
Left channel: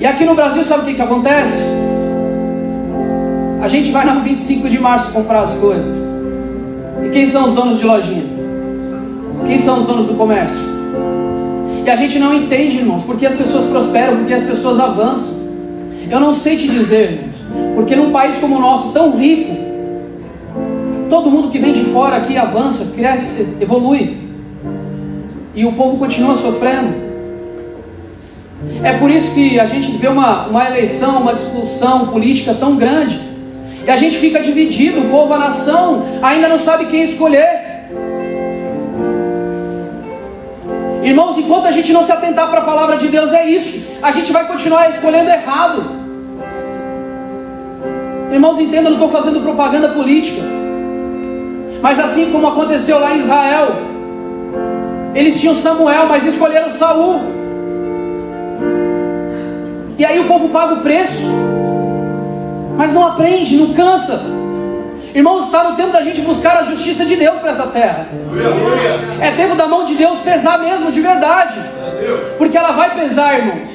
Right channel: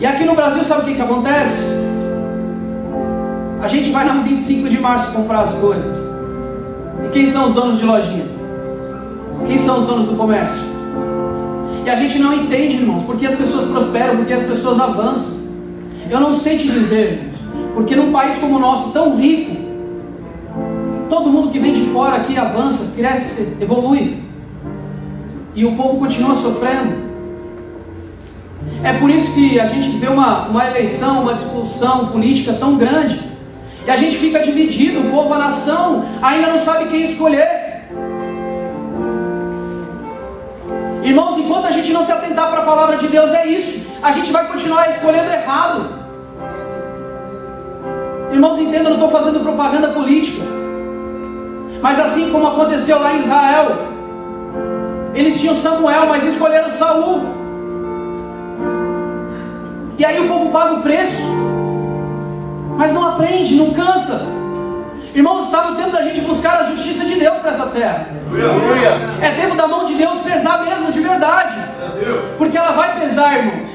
E aqui no Brasil, sabe o que acontece? A gente vai no 25 de março comprar as coisas. E quem são os donos de lojinha? Quem são os donos do comércio? E a gente não entende, irmãos, porque as pessoas prosperam, porque as pessoas avançam. Eu não sei te dizer, irmãos, porque num país como o nosso, tão rico, todo mundo que vem de fora aqui avança, cresce, evolui, e o povo continua sofrendo. É por isso que a gente vê uma eleição, uma discussão política tão grande, e a gente fica dividido, o povo, a nação ainda não sabe quem escolher. Irmãos, enquanto a gente não se atentar para a palavra de Deus, é isso, a gente vai continuar escolhendo errado. Irmãos, entendam, eu não estou fazendo propaganda política, mas assim como aconteceu lá em Israel, eles tinham Samuel, mas escolheram Saul, e aí o povo paga o preço, mas não aprende, não cansa. Irmãos, está no tempo da gente buscar a justiça de Deus para essa terra. É tempo da mão de Deus pesar mesmo, de verdade, porque ela vai pesar, irmãos.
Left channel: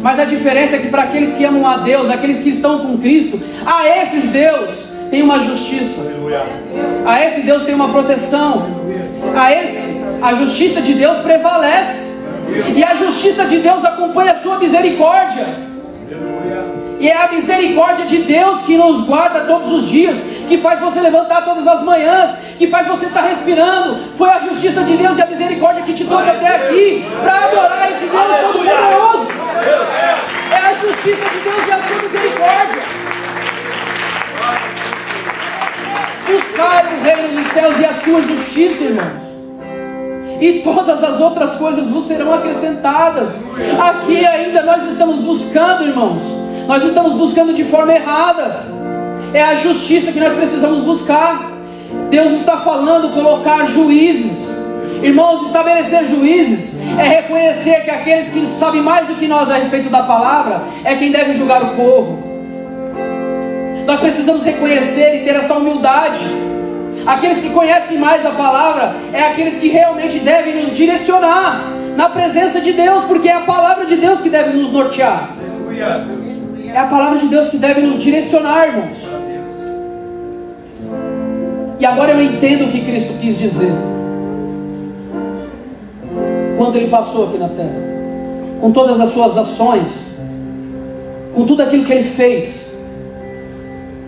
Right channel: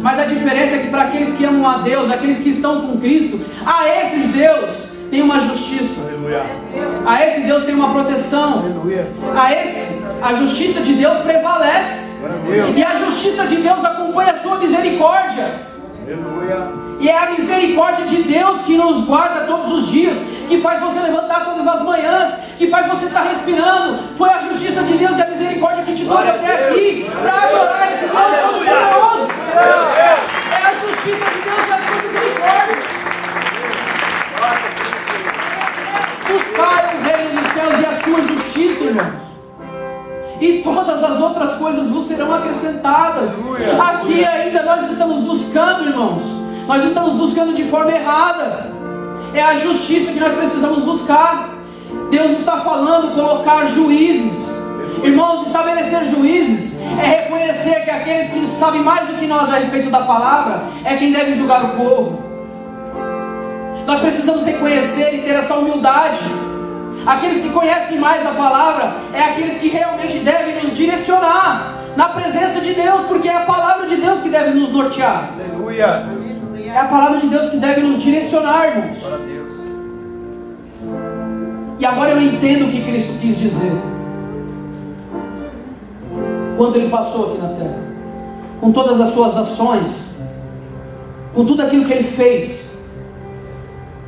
Mas a diferença é que para aqueles que amam a Deus, aqueles que estão com Cristo, a esses Deus tem uma justiça, a esse Deus tem uma proteção, a justiça de Deus prevalece, e a justiça de Deus acompanha a sua misericórdia. E é a misericórdia de Deus que nos guarda todos os dias, que faz você levantar todas as manhãs, que faz você estar respirando. Foi a justiça de Deus e a misericórdia que te trouxe até aqui, para adorar esse Deus todo-poderoso. É a justiça justiça de Deus e a sua misericórdia. Buscai o reino dos céus e a sua justiça, irmãos, e todas as outras coisas vos serão acrescentadas. Aqui ainda nós estamos buscando, irmãos, nós estamos buscando de forma errada. É a justiça que nós precisamos buscar. Deus está falando colocar juízes. Irmãos, estabelecer juízes é reconhecer que aqueles que sabem mais do que nós a respeito da palavra é quem deve julgar o povo. Nós precisamos reconhecer e ter essa humildade. Aqueles que conhecem mais a palavra é aqueles que realmente devem nos direcionar na presença de Deus, porque é a palavra de Deus que deve nos nortear. Aleluia. É a palavra de Deus que deve nos direcionar, irmãos. E agora eu entendo o que Cristo quis dizer quando Ele passou aqui na terra, com todas as suas ações, com tudo aquilo que Ele fez,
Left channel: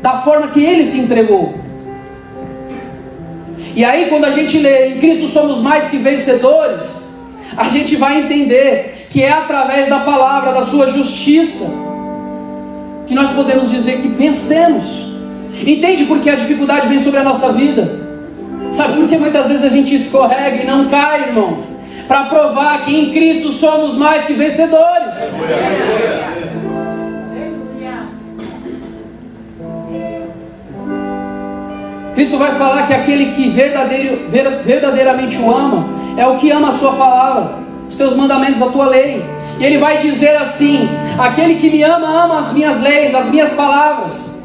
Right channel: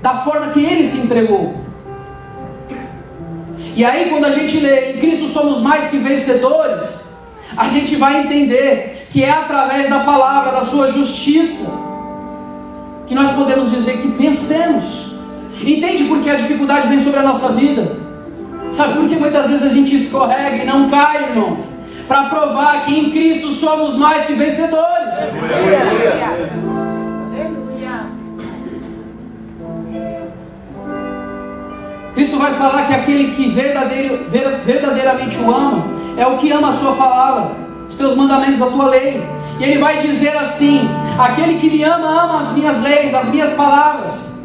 da forma que Ele se entregou. E aí, quando a gente lê em Cristo somos mais que vencedores, a gente vai entender que é através da palavra, da sua justiça, que nós podemos dizer que vencemos. Entende por que a dificuldade vem sobre a nossa vida? Sabe por que muitas vezes a gente escorrega e não cai, irmãos? Para provar que em Cristo somos mais que vencedores. Cristo vai falar que aquele que verdadeiramente o ama é o que ama a sua palavra, os teus mandamentos, a tua lei. E Ele vai dizer assim: aquele que me ama, ama as minhas leis, as minhas palavras.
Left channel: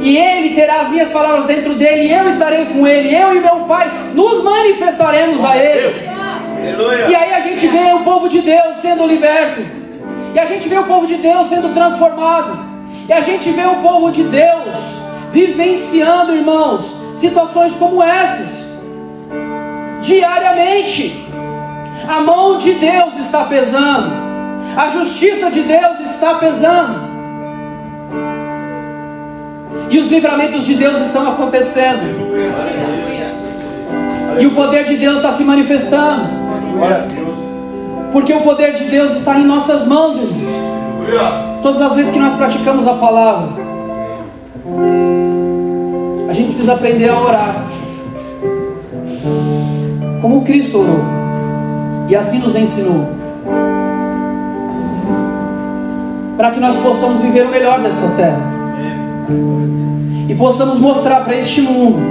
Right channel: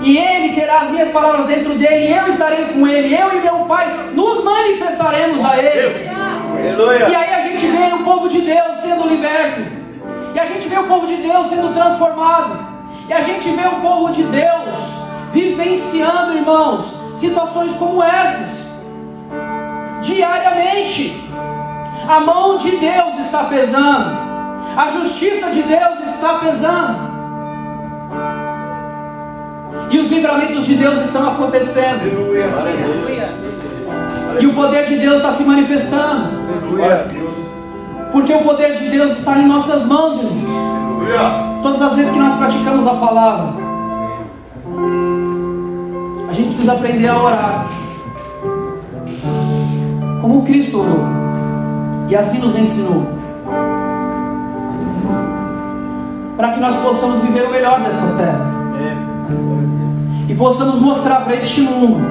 E Ele terá as minhas palavras dentro dele, e eu estarei com ele, eu e meu Pai nos manifestaremos a Ele. E aí a gente vê o povo de Deus sendo liberto, e a gente vê o povo de Deus sendo transformado, e a gente vê o povo de Deus vivenciando, irmãos, situações como essas diariamente. A mão de Deus está pesando, a justiça de Deus está pesando, e os livramentos de Deus estão acontecendo, e o poder de Deus está se manifestando, porque o poder de Deus está em nossas mãos, irmãos. Todas as vezes que nós praticamos a palavra, a gente precisa aprender a orar como Cristo orou, e assim nos ensinou, para que nós possamos viver o melhor desta terra e possamos mostrar para este mundo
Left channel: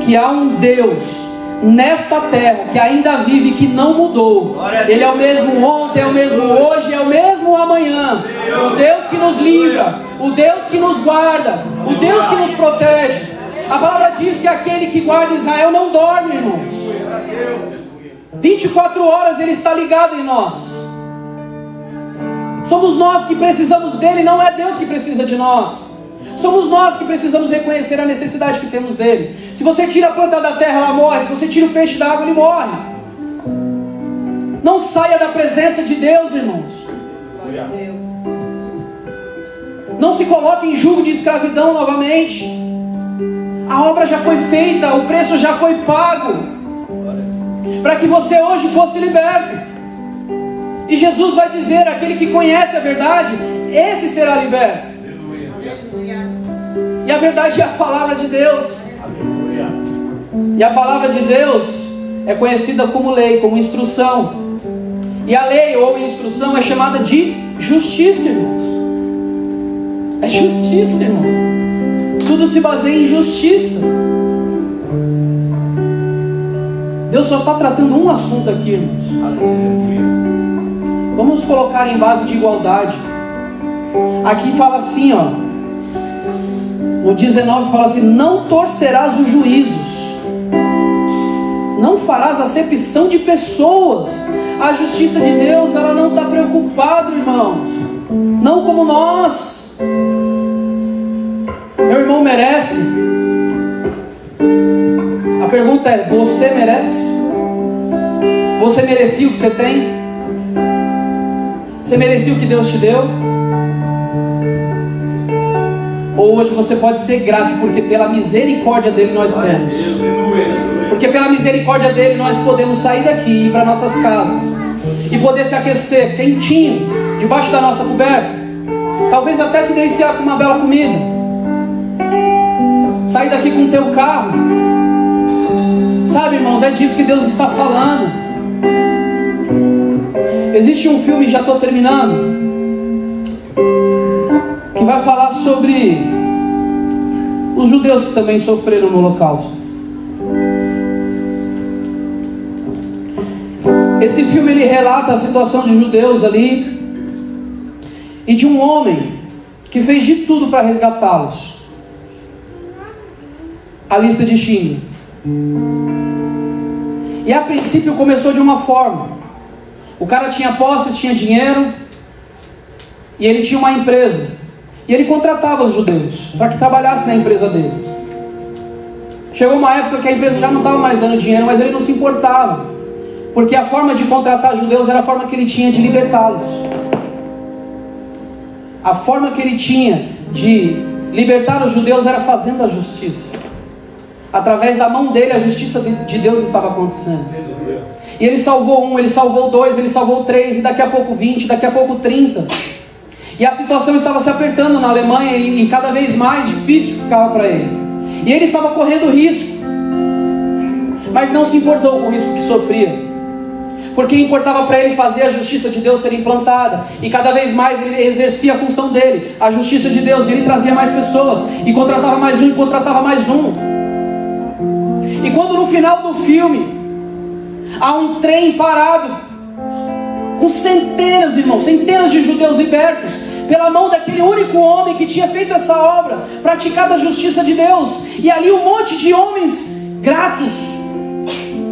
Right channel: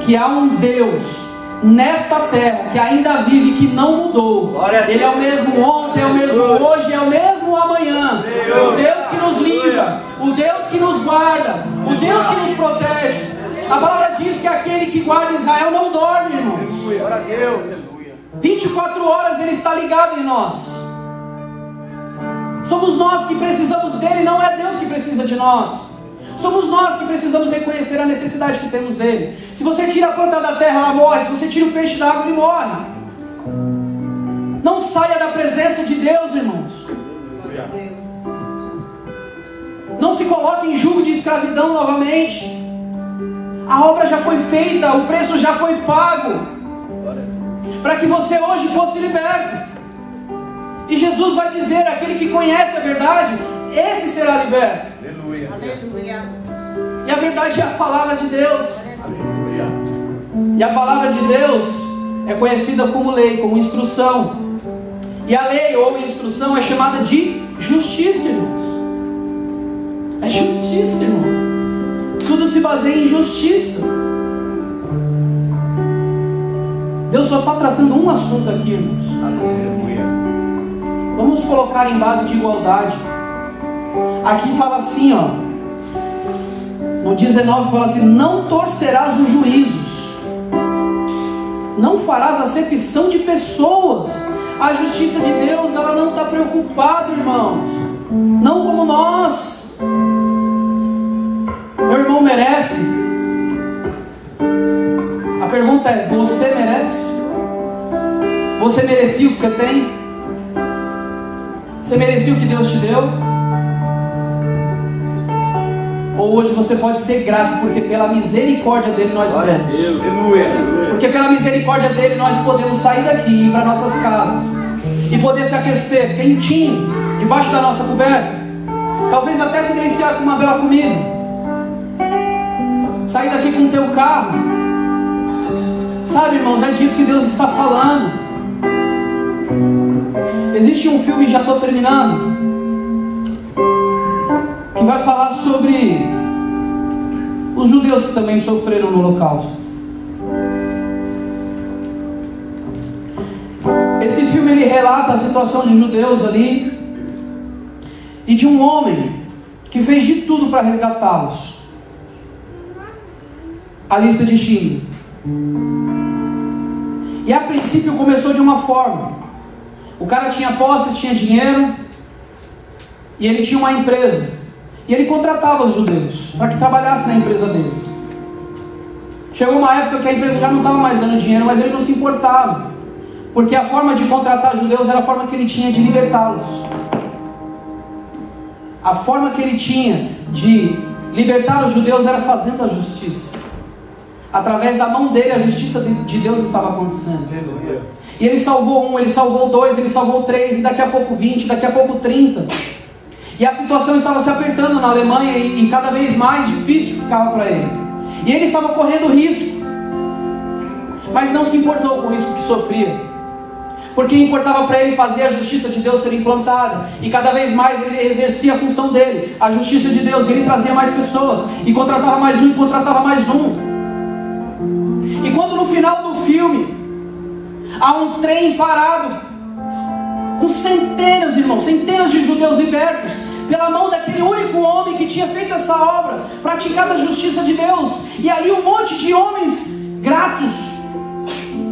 que há um Deus nesta terra que ainda vive, que não mudou. Ele é o mesmo ontem, é o mesmo hoje, é o mesmo amanhã. O Deus que nos livra, o Deus que nos guarda, o Deus que nos protege. A palavra diz que aquele que guarda Israel não dorme, irmãos. 24 horas Ele está ligado em nós. Somos nós que precisamos dele, não é Deus que precisa de nós. Somos nós que precisamos reconhecer a necessidade que temos dele. Se você tira a planta da terra, ela morre. Se você tira o peixe da água, ele morre. Não saia da presença de Deus, irmãos. Não se coloque em jugo de escravidão novamente. A obra já foi feita, o preço já foi pago, para que você hoje fosse liberto. E Jesus vai dizer: aquele que conhece a verdade, esse será liberto. E a verdade é a palavra de Deus. E a palavra de Deus é conhecida como lei, como instrução. E a lei ou instrução é chamada de justiça, irmãos. É justiça, irmãos. Tudo se baseia em justiça. Deus só está tratando um assunto aqui, irmãos. Vamos colocar em base de igualdade. Aqui fala assim, ó, no 19 fala assim: não torcerás os juízos, não farás acepção de pessoas. A justiça de Deus, ela não está preocupada, irmãos, não como nós. Meu irmão merece. A pergunta é: você merece? Você merecia o que você tem? Você merecia o que Deus te deu? Ou hoje você pode ser grato, porque pela misericórdia dele nós temos. Porque pela misericórdia dele nós podemos sair daqui e ir para nossas casas e poder se aquecer quentinho debaixo da nossa coberta. talvez até se deliciar com uma bela comida, sair daqui com o teu carro. Sabe, irmãos, é disso que Deus está falando. Existe um filme, já estou terminando, que vai falar sobre os judeus que também sofreram no Holocausto. Esse filme ele relata a situação de judeus ali e de um homem que fez de tudo para resgatá-los. A lista de Schindler. E a princípio começou de uma forma: o cara tinha posses, tinha dinheiro, e ele tinha uma empresa, e ele contratava os judeus para que trabalhassem na empresa dele. Chegou uma época que a empresa já não estava mais dando dinheiro, mas ele não se importava, porque a forma de contratar judeus era a forma que ele tinha de libertá-los. A forma que ele tinha de libertar os judeus era fazendo a justiça. Através da mão dele a justiça de Deus estava acontecendo. E ele salvou um, ele salvou dois, ele salvou 3, e daqui a pouco 20, daqui a pouco 30. E a situação estava se apertando na Alemanha, e cada vez mais difícil ficava para ele. E ele estava correndo risco, mas não se importou com o risco que sofria, porque importava para ele fazer a justiça de Deus ser implantada. E cada vez mais ele exercia a função dele, a justiça de Deus, e ele trazia mais pessoas, e contratava mais um, e contratava mais um. E quando no final do filme há um trem parado com centenas, irmãos, centenas de judeus libertos pela mão daquele único homem que tinha feito essa obra, praticado a justiça de Deus, e ali um monte de homens gratos,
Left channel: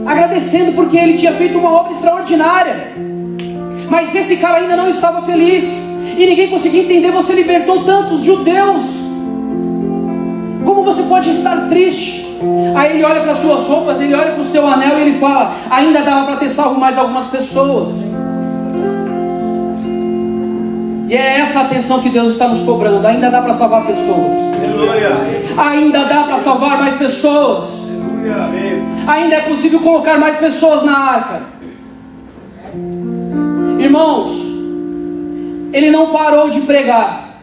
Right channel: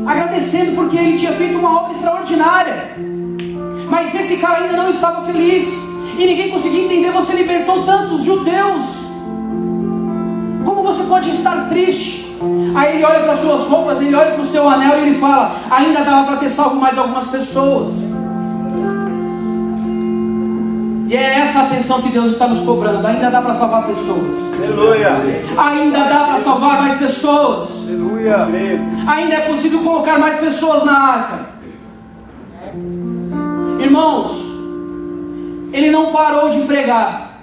agradecendo porque ele tinha feito uma obra extraordinária. Mas esse cara ainda não estava feliz, e ninguém conseguia entender: você libertou tantos judeus, como você pode estar triste? Aí ele olha para suas roupas, ele olha para o seu anel, e ele fala: ainda dava para ter salvo mais algumas pessoas. E é essa atenção que Deus está nos cobrando. Ainda dá para salvar pessoas. Aleluia. Ainda dá para salvar mais pessoas. Aleluia. Ainda é possível colocar mais pessoas na arca. Irmãos, ele não parou de pregar,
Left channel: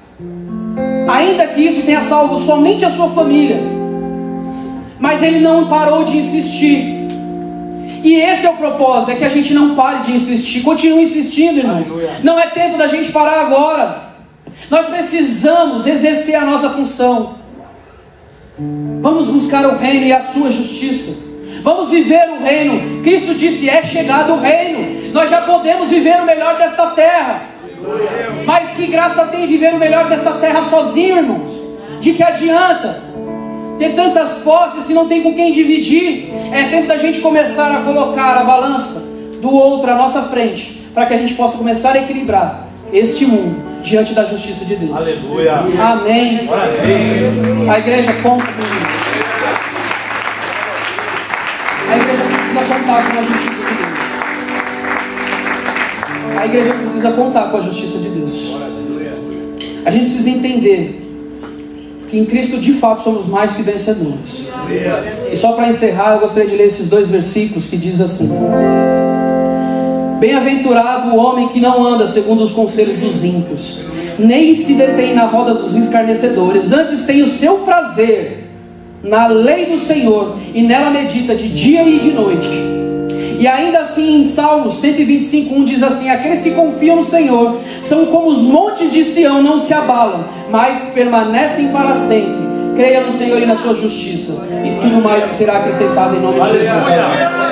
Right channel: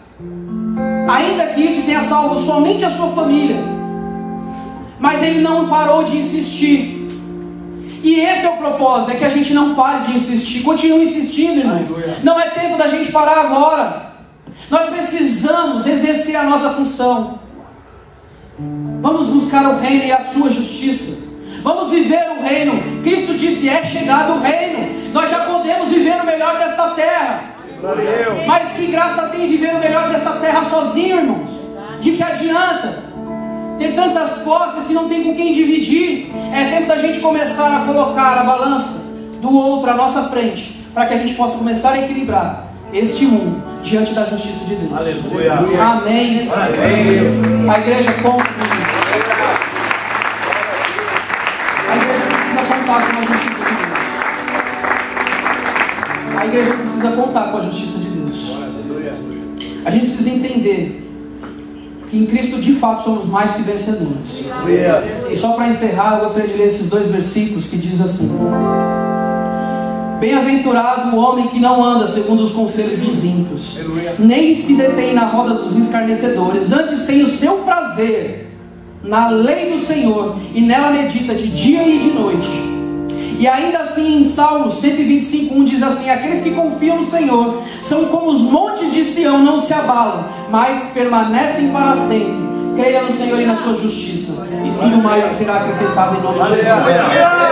ainda que isso tenha salvo somente a sua família, mas ele não parou de insistir. E esse é o propósito, é que a gente não pare de insistir. Continue insistindo, irmãos. Não é tempo da gente parar agora. Nós precisamos exercer a nossa função. Vamos buscar o reino e a sua justiça. Vamos viver o reino. Cristo disse: é chegado o reino. Nós já podemos viver o melhor desta terra. Mas que graça tem viver o melhor desta terra sozinho, irmãos? De que adianta ter tantas posses se não tem com quem dividir? É tempo da gente começar a colocar a balança do outro à nossa frente, para que a gente possa começar a equilibrar este mundo diante da justiça de Deus. Aleluia. Amém. Amém. A igreja conta comigo. A igreja precisa contar com a justiça de Deus. A igreja precisa contar com a justiça de Deus. A gente precisa entender que em Cristo de fato somos mais que vencedores. E só para encerrar, eu gostaria de ler esses 2 versículos que diz assim: bem-aventurado o homem que não anda segundo os conselhos dos ímpios, nem se detém na roda dos escarnecedores, antes tem o seu prazer na lei do Senhor, e nela medita de dia e de noite. E ainda assim em Salmos 125:1 diz assim: aqueles que confiam no Senhor são como os montes de Sião, não se abalam, mas permanecem para sempre. Creia no Senhor e na sua justiça, e tudo mais será acrescentado em nome de Jesus.